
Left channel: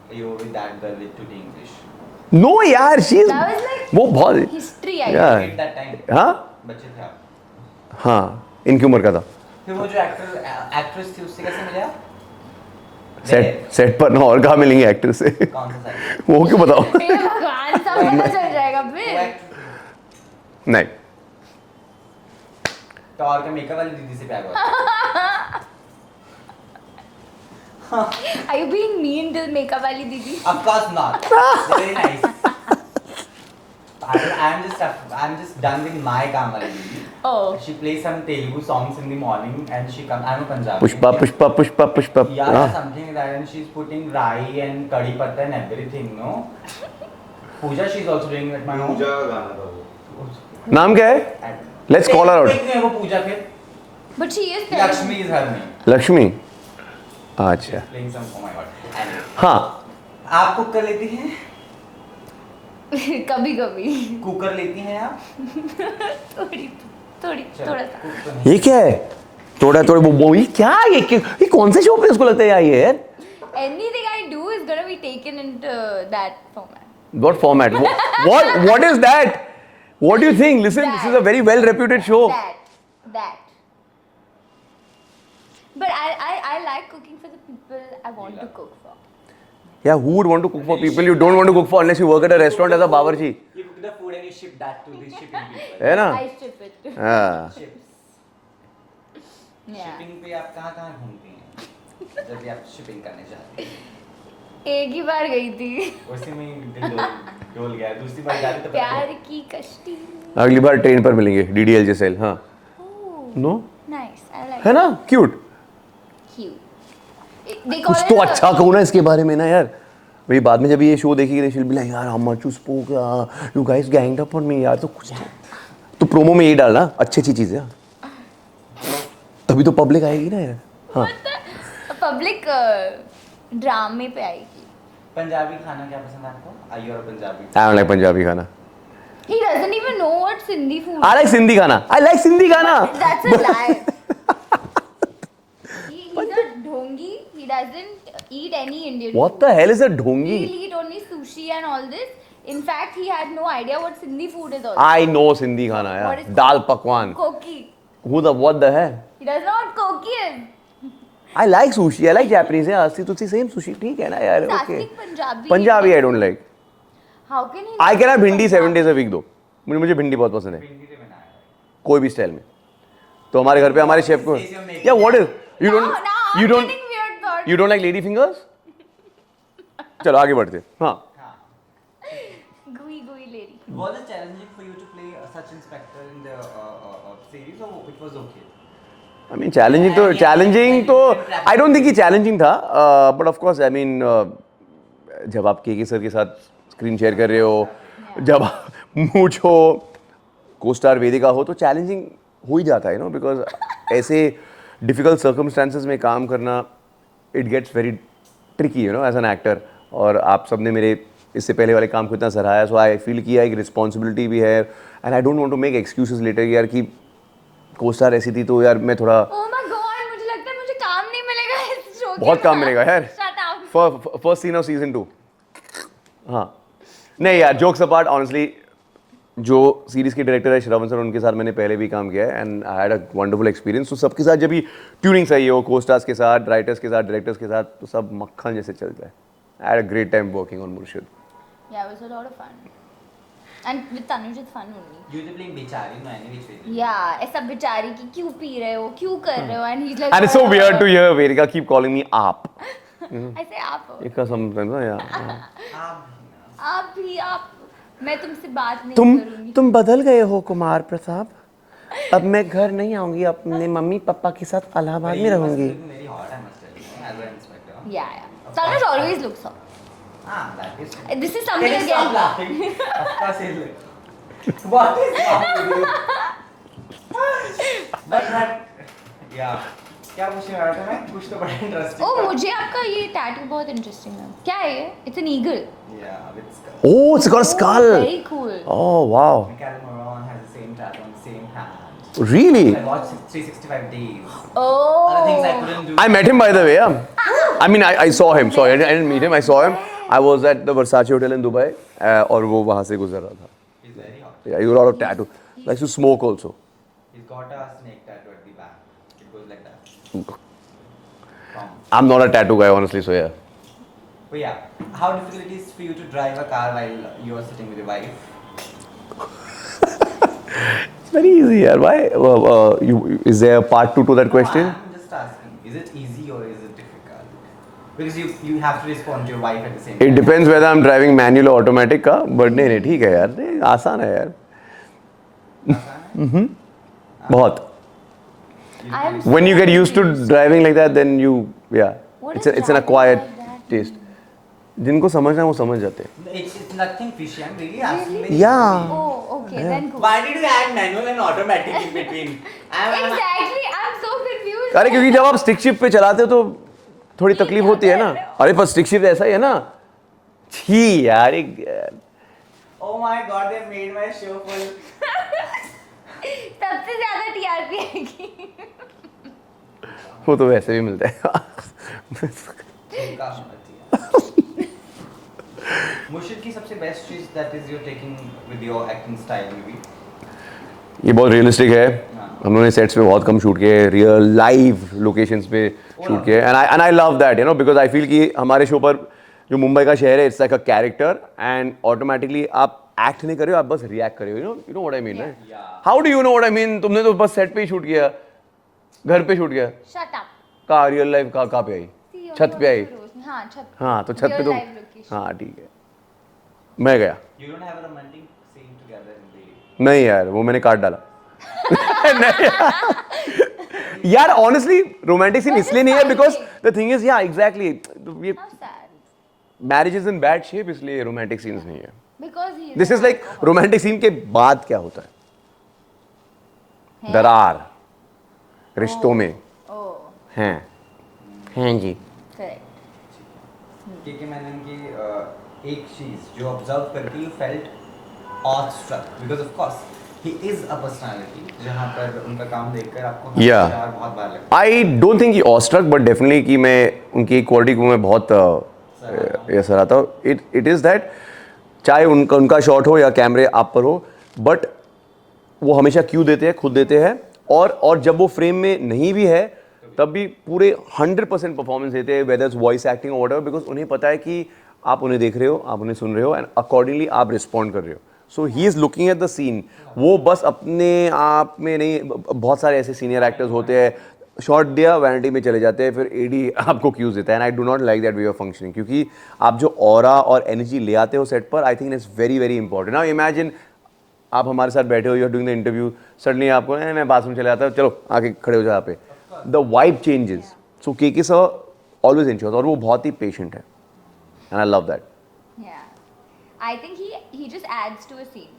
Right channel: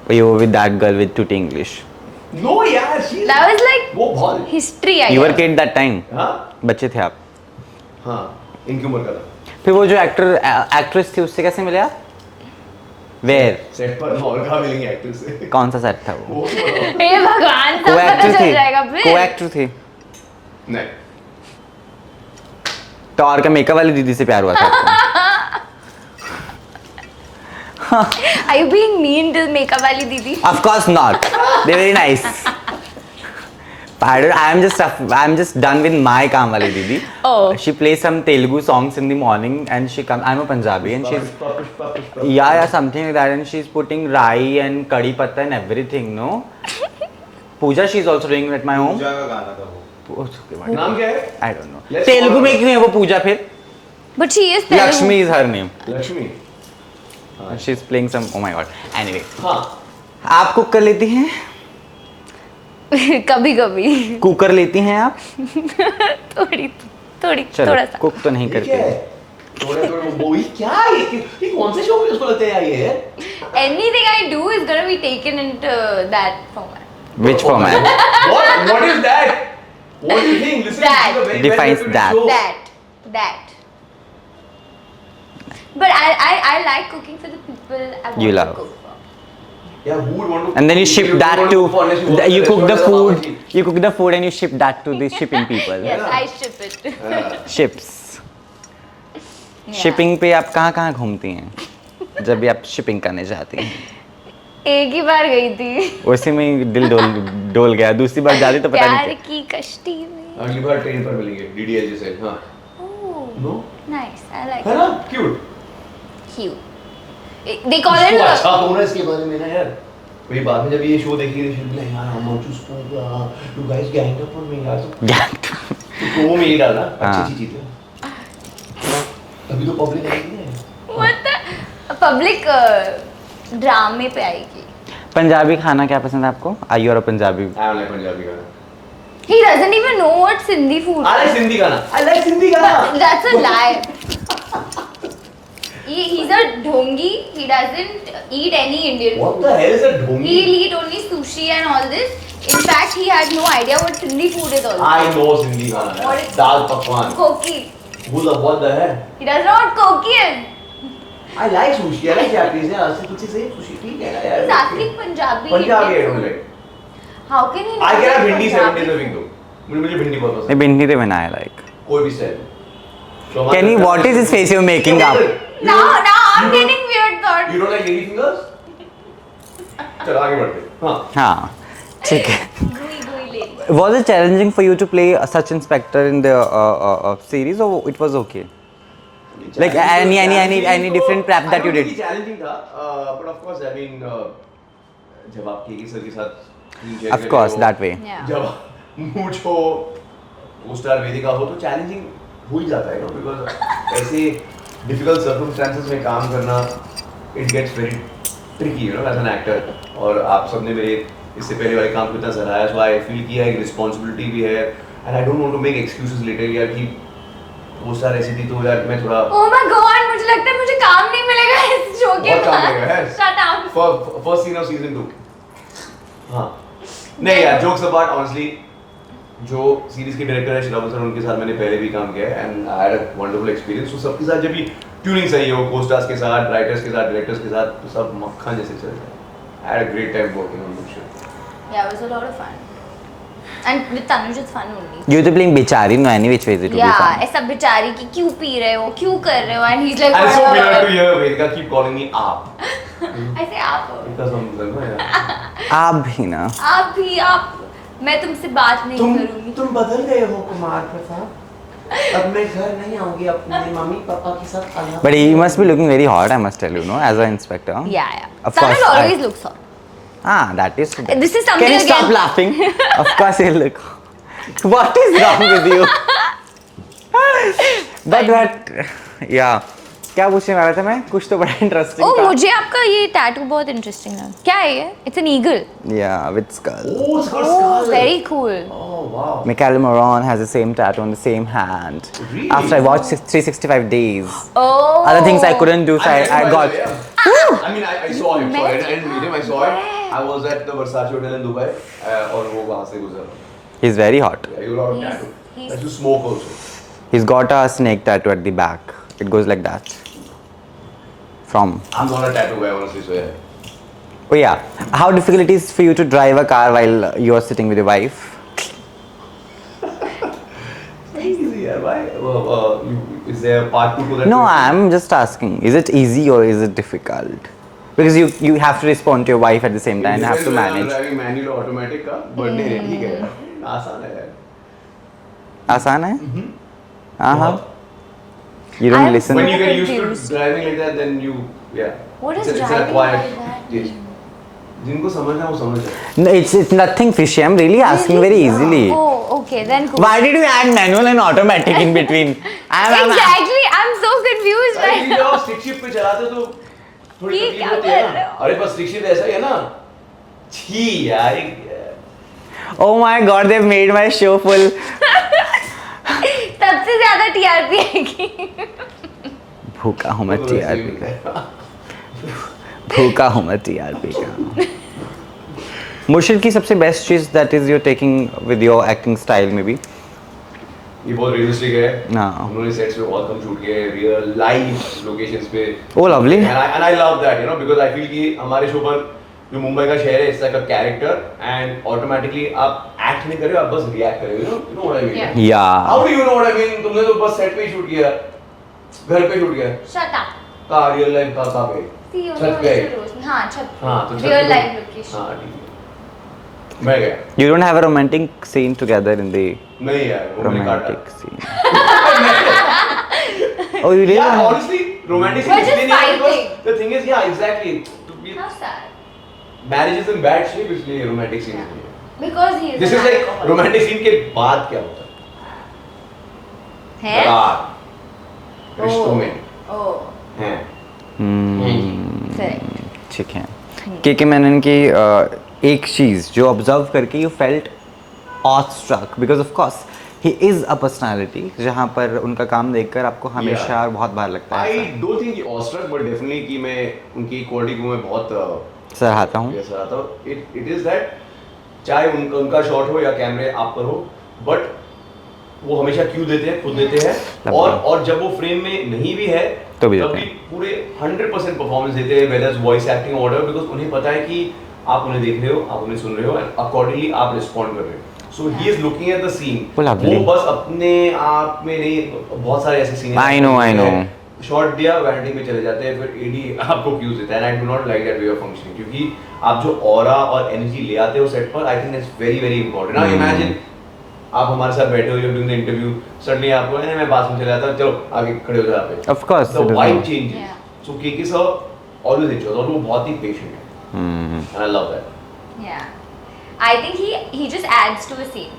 Or you were with that girl with tutti English. No यार, she is. That was like वो बहुत. history, I You were guess. kid that time. हाँ. बच्चे थे आप. हाँ. इनकी उम्र का था. फिर वो जो एक्ट्रेस थी उससे कैसे मिले आप? Where? सेट पर ना और कहाँ मिलेंगे एक्टर से. कौन सा सेट था? वो क्यों बताओ. हे भगवान, सब पता चल जाएगा फिर. को-एक्टर थी. नहीं. टॉर का मेकअप वाली दीदी से प्यार हुआ था आपको? Are you being mean to makeup वाली दीदी? Of course not. They're very nice. I'm just done with my काम वाली दीदी. Oh. She plays some Telugu songs in the morning and she comes. I'm a Punjabi. and she's- Pushpa. Yeah, something like that, and she's putting rai and kadi patta and everything, no? Puja, she's also doing at my home. पूजा का गाना था वो. नाम क्या है? I don't know. Let's call Telugu her. में क्यों है वो पूजा फिर? But she is Telugu. Lakshmi is her name. Lakshmi. अच्छा. She's playing some. Oh my god. Anyway, हाँ. आप कुक कर लेती हैं? कभी कभी कुकर लेती हैं आप? थोड़ी थोड़ी चलो, थोड़ा सा. कुक तो नहीं ये करती. क्या है? थोड़ा वो ये क्या है? ये कौन से शो पे उसको लगता है ये है? Anything I do is gonna be taken into that format. Which format? What is that? What do you think? Listen, this is a very Defines well reputed that. show. That. But I like cooking for the people I want You to love. cook for. Yeah, who would want to? And then you cook, ship but you don't that want to cook for unless you work in a you cook restaurant the as a bawarchi. food. You cook the food and you ship that to the shipping people. है ना? I ship it. हाँ. Ships. Yeah. Shipping पे आप कहाँ घूमती हैं जब भी आप शिपिंग करने जाती हैं? एक ही बार गई थी उसी में ही दिल डोल गया. दूसरी बार जाती तो पता प्यार नहीं. की कश्ती में. अगली बार ट्रेन पर मिलेंगे DDLJ सेल. हाँ. Oh, No? nice. I like है ना? Cute. cute. They call उसको it अच्छा कहूँ ना इसके बारे में ना यार. मेरी बाद में जब ये शो देखेगी she'll be like यार how much you spoke, you guys ganged up on me यार. तो प्रोमो में ये डालना अच्छी चीज है. तभी तो पब्लिक आएगी ना यार. मतलब पब्लिक ड्रामे पे आएगी. पंजाबी खाना क्या पसंद है आपको? Are you a Punjabi? I don't like Punjabi खाना. He doesn't even know what Sindhi food. I like Sindhi खाना. I like सिंधी खाना. But that's a lie. He's a dhongi. He doesn't eat any Indian What food. the hell is a He'll ढोंगी? eat only sushi and all this. In fact, he has no idea what Sindhi food is also. I know Sindhi खाना What यार. is- दाल पकवान. Koki. What the hell? He doesn't know what koki is. I like sushi. I like Japanese. Yeah, तुझसे same sushi ठीक है ना यार. He's asking Punjabi. Punjabi I don't like. How can he? I can have भिंडी 7 Punjabi? days a week though. मुझे भिंडी बहुत पसंद मैं है. भिंडी तो बनाया like. कोई भी स्टाइल. So हमारे Can घर you, पे what हमारे is chef this को- face you're making Yeah, up? what is- Now I'm you don't- getting weird thoughts. You don't like lady fingers? चलो आगे बढ़ते हैं. हाँ. हाँ, ठीक है. Gooey lady. Was it challenging for you to play such inspector in the series, or it was okay? I mean, challenging तो- any challenging तो- different prep I that don't you think did? कि challenging था, but of course, I mean, जब आप KK sir के साथ screen share Of कर रहे course, हो, that way. Yeah. जब मूछ हो, को-स्टार वेदिका हो, तो चैलेंजिंग हो ही जाता है, you know, because ऐसे डिफिकल्ट सर्कमस्टेंसेस में काम करना, it gets very tricky, you know, as an actor. और आप सबने मेरे इससे पहले वाले काम को इतना सराहाया, so I feel कि एक रिस्पॉन्सिबिलिटी भी है, and I don't want to make excuses later यार कि को-स्टार ऐसी थी तो यार मैं थोड़ा Oh my God, मुझे लगता है मुझे काम नहीं मिलेगा इस शो के बहुत काम बाद. मिलेगा यार. Shut up. First scene of season 2. हाँ. नहीं यार, जोक्स अपार्ट, ऑनेस्टली जो सीरीज के डायरेक्टर है श्रावण सर, उनके साथ मैंने पहले भी काम किया है and I had a wonderful experience. तो सबके साथ जब भी ट्यूनिंग सही हो, को-स्टार्स के साथ, राइटर्स के साथ, डायरेक्टर्स के साथ, तो सब मक्खन जैसे चलता है. I had a great time working on this show. Yeah, it was a lot of fun. And with Tanuj it's fun only. You were playing Bichari, no, any which ways it would be Yeah, fun. ऐसा बेचारी कि क्यों P रहे हो, क्यों कर रहे हो, and he's like. And it's so weird to hear Vedika keep calling me आप. I say आप. बिकॉज़ हम ना यार. आप भी ना. आप भी आप. मैं तुमसे बात नहीं करूंगी. तुम बदल गए हो कुमार प्रताप. अब मैं घर नहीं आऊंगी अपने मम्मी पापा के साथ Allahabad. But you must be looking very hot, I must tell you, no, as an inspector. Yeah, yeah. Of course, Tanuj always I- looks hot. Ah, that is. This is something Can you stop again. laughing? Of course, you look. What is wrong with you? But yeah. क्या पूछने वाला था मैं? कुछ तो बड़ा interesting Oh, था. मुझे आपका ये टैटू बहुत इंटरेस्टिंग लगा. क्या है ये? It's an eagle. Yeah, with skull. Oh, it's got a skull. Very cool. Oh, wow. Michael Moran has the same tattoo on the same hand. Really? After I watched 365 days. Oh. Other things I couldn't do. I so met him by the got- way, yeah. I mean, I saw him. So I met didn't meet him. I saw him. I was at the Versace Hotel in Dubai, और वो वहाँ से गुजरा. He's very hot. Yeah, he got a lot of tattoo. Likes to smoke also. He's got a snake tattoo at the back. It goes like that. From. I'm not a tattoo guy, honestly. So yeah. Oh yeah. How difficult it is for you to drive a car while you're sitting with your wife? Very easy, yeah. Why? Is there a part 2 to that No, question? I'm just asking. Is it easy or is it difficult? Because you have to respond to your wife at the same time. It depends have to whether I'm manage. driving manual or automatic का. But नहीं ठीक है यार. आसान है यार. आसान है? बहुत. You don't I'm- listen. When you get I'm used to confused. driving like that, then you yeah. What it's is an driving acquired like that taste. जिनको समझना है वो समझ जाते हैं. No, it's nothing fishy. I'm really asking very Yeah. easily. Oh, okay, then cool. Why did you add manual and automatic in between? Exactly, I'm so confused. अरे क्योंकि जब आप स्टिक शिफ्ट पे चलाते हो तो थोड़ी ये तकलीफ क्या होती है कर रहे ना. हो? अरे पर स्टिक शिफ्ट ऐसा ही है ना. छी यार Oh my God, they've made my show full. सबसे ज्यादा टीआरपी आएगी. भूखा हूँ वो मैं तो वैसे भी TRP. मिलता है. भूखा हूँ मैं TRP का. मुर्शिद की सबसे बेस्ट चीज that is you're taking with your acting style maybe. ये बहुत रियलिस्टिक है. हाँ. हमने सेट्स पे बहुत कम शूट किए, रियल लाइव लोकेशंस पे. Oh, lovely. And I love that, you know, because I feel कि हमारे शो पर जो मुंबई का शहर है, it's like a character and automatically आप एक्ट नहीं कर रहे हो, आप बस रिएक्ट कर रहे हो. You know what I mean? Yeah. Yeah. How do you know what I mean? तुमने तो बस सेट पे ही शूट किया, घर पे शूट किया. Shut up. कहाँ रियल लाइफ कहाँ पे? See, छत पे आई. हाँ छत. हाँ तो छत Real पे. life location. हाँ ठीक है. मैं गया. You don't have a romantic scene together in the नहीं यार, वो मैंने काट डाला. romantic scene. Oh, you यार didn't? honestly romantic scene We're इसलिए just नहीं है because fighting. the thing is yeah exactly ये How sad. marriage is in bad shape इसलिए romantic scene नहीं है. Because he is. This an is like alcoholic. romantic scene के बाद क्या होता है? है? दरार रिश्तों में Oh. हैं. Correct. ठीक है. के मैनन की एक चीज जो ऑब्जर्व करके you felt awestruck because of course he is a personality जहाँ पर उनका काम देखकर आपको हमेशा बहुत बार लगता है. I don't think he awestruck but definitely कि मैं उनकी क्वालिटी को मैं बहुत सराहता हूँ. ये सराहता हूँ. It is that चाहे उनका शॉट हो या कैमरे आप पर हो बट वो हमेशा क्यों देते हैं, खुद देते हैं. और जब वो फ्रेम में नहीं भी है तो भी तब देते भी हैं। पूरे 100% परफॉर्मेंस देते हैं, whether voice acting order, because उन्हें पता है कि आप उन्हें देख रहे हो, आप उन्हें सुन रहे हो, एंड अकॉर्डिंगली आप रिस्पॉन्ड कर रहे हो। So he is looking at the scene, वो lovely। वो बस अपने आप में नहीं, बहुत सारे ऐसे सीनियर I know। शॉट दिया, वैनिटी में चले जाते हैं, फिर एडी आपको क्यूज देता है, and I do not like that way of functioning, क्योंकि आप जो ऑरा और एनर्जी ले आते हो सेट पर, I think that's very very important. Now imagine आप हमारे साथ बैठे हो, you are doing the interview, suddenly आपको मैं पास में चले जाता हूं, चलो आगे खड़े हो जाओ यहाँ पे, Of course, the it is vibe not। Changes. Yeah. So KK sir always ensures, और वो बहुत ही पेशेंट है, and I love that. Yeah. I think he just adds to a scene.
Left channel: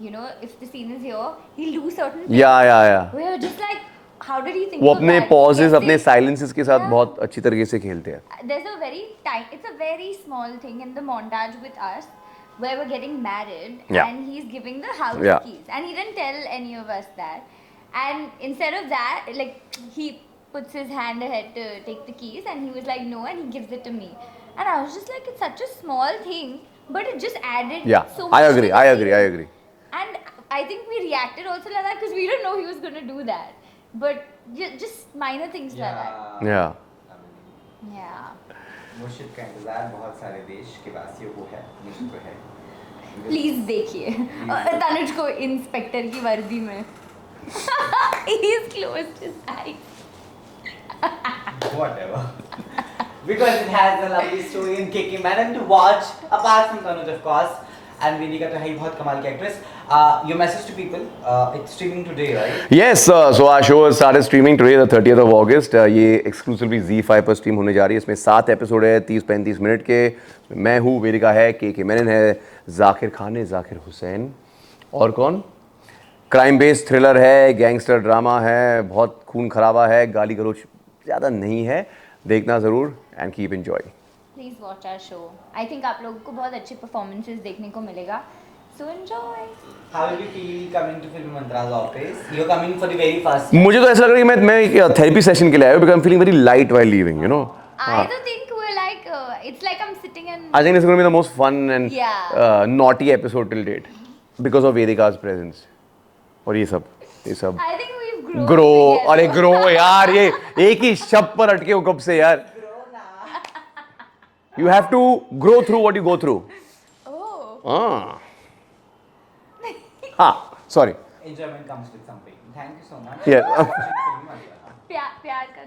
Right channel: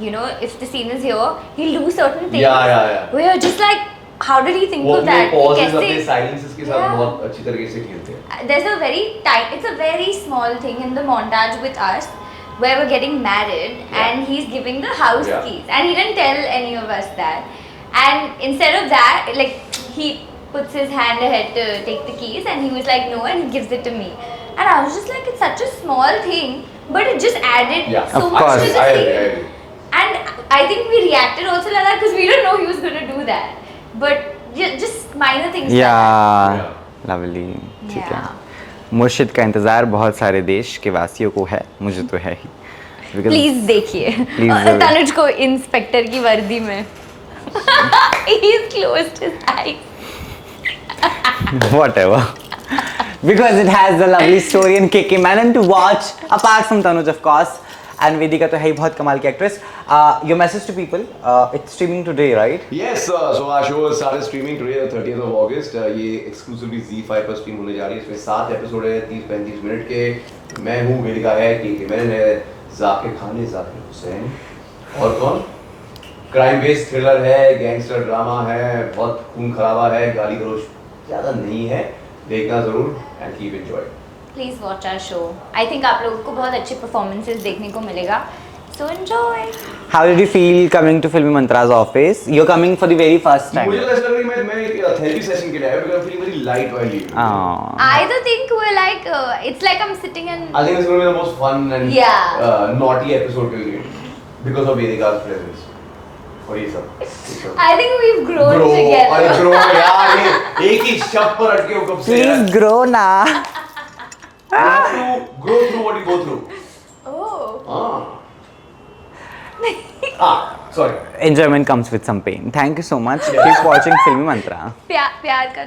You know, if the scene is here, he'll do certain things. Yeah. Where you're just like, how did he think वो of अपने that? Pauses, कैसे- अपने silences के साथ Yeah. बहुत अच्छी तरीके से खेलते हैं। There's a very tight, it's a very small thing in the montage with us where we're getting married Yeah. and he's giving the house Yeah. keys and he didn't tell any of us that. And instead of that, like he puts his hand ahead to take the keys and he was like no, and he gives it to me. And I was just like, it's such a small thing, but it just added Yeah, so I much to agree, the I agree, scene. I agree. And I think we reacted also like that because we didn't know he was going to do that. But just minor things like that. या lovely. ठीक है, Yeah. मुर्शिद का इंतज़ार बहुत सारे देश के वासियों को है, मुझे तो है ही। Because- प्लीज देखिए Please जरूर। तनुज को इंस्पेक्टर की वर्दी में he's closed his eyes. whatever. Because it has a lovely story in KK Menon to watch, apart from Tanuj of course, and Vedika तो है ही बहुत कमाल की actress. Your message to people, it's streaming today, right? Yes, so our show has started streaming today, the 30th of August. ये exclusively Z5 पर stream होने जा रही है. इसमें 7 एपिसोड है, 30-35 मिनट के. मैं हूँ, वेदिका है, KK Menon है, जाकिर खान है, जाकिर हुसैन, और कौन? क्राइम बेस्ड थ्रिलर है, गैंगस्टर ड्रामा है, बहुत खून खराबा है, गाली गलौज ज़्यादा नहीं है. देखना ज़रूर and keep enjoy. Please watch our show. I think आप लोगों को बहुत अच्छे परफॉर्मेंसेस देखने को मिलेगा. So enjoy. How did you feel coming to Filmy Mantra's office? You're coming for the very first time. मुझे तो ऐसा लग रहा है कि मैं एक थेरेपी सेशन के लिए आया हूँ, because I'm feeling very light while leaving, you know. I don't think we're like it's like I'm sitting in. I think it's going to be the most fun and Yeah. naughty episode till date because of Vedika's presence. और ये सब I think we've grown grow, together. अरे grow यार, ये एक ही शब्द पर अटके हो कब से यार. Please grow na. You have to grow through what you go through. Oh. Sorry. Enjoyment comes with some pain. Thank you so much. Keep watching Filmy Mantra. प्यार का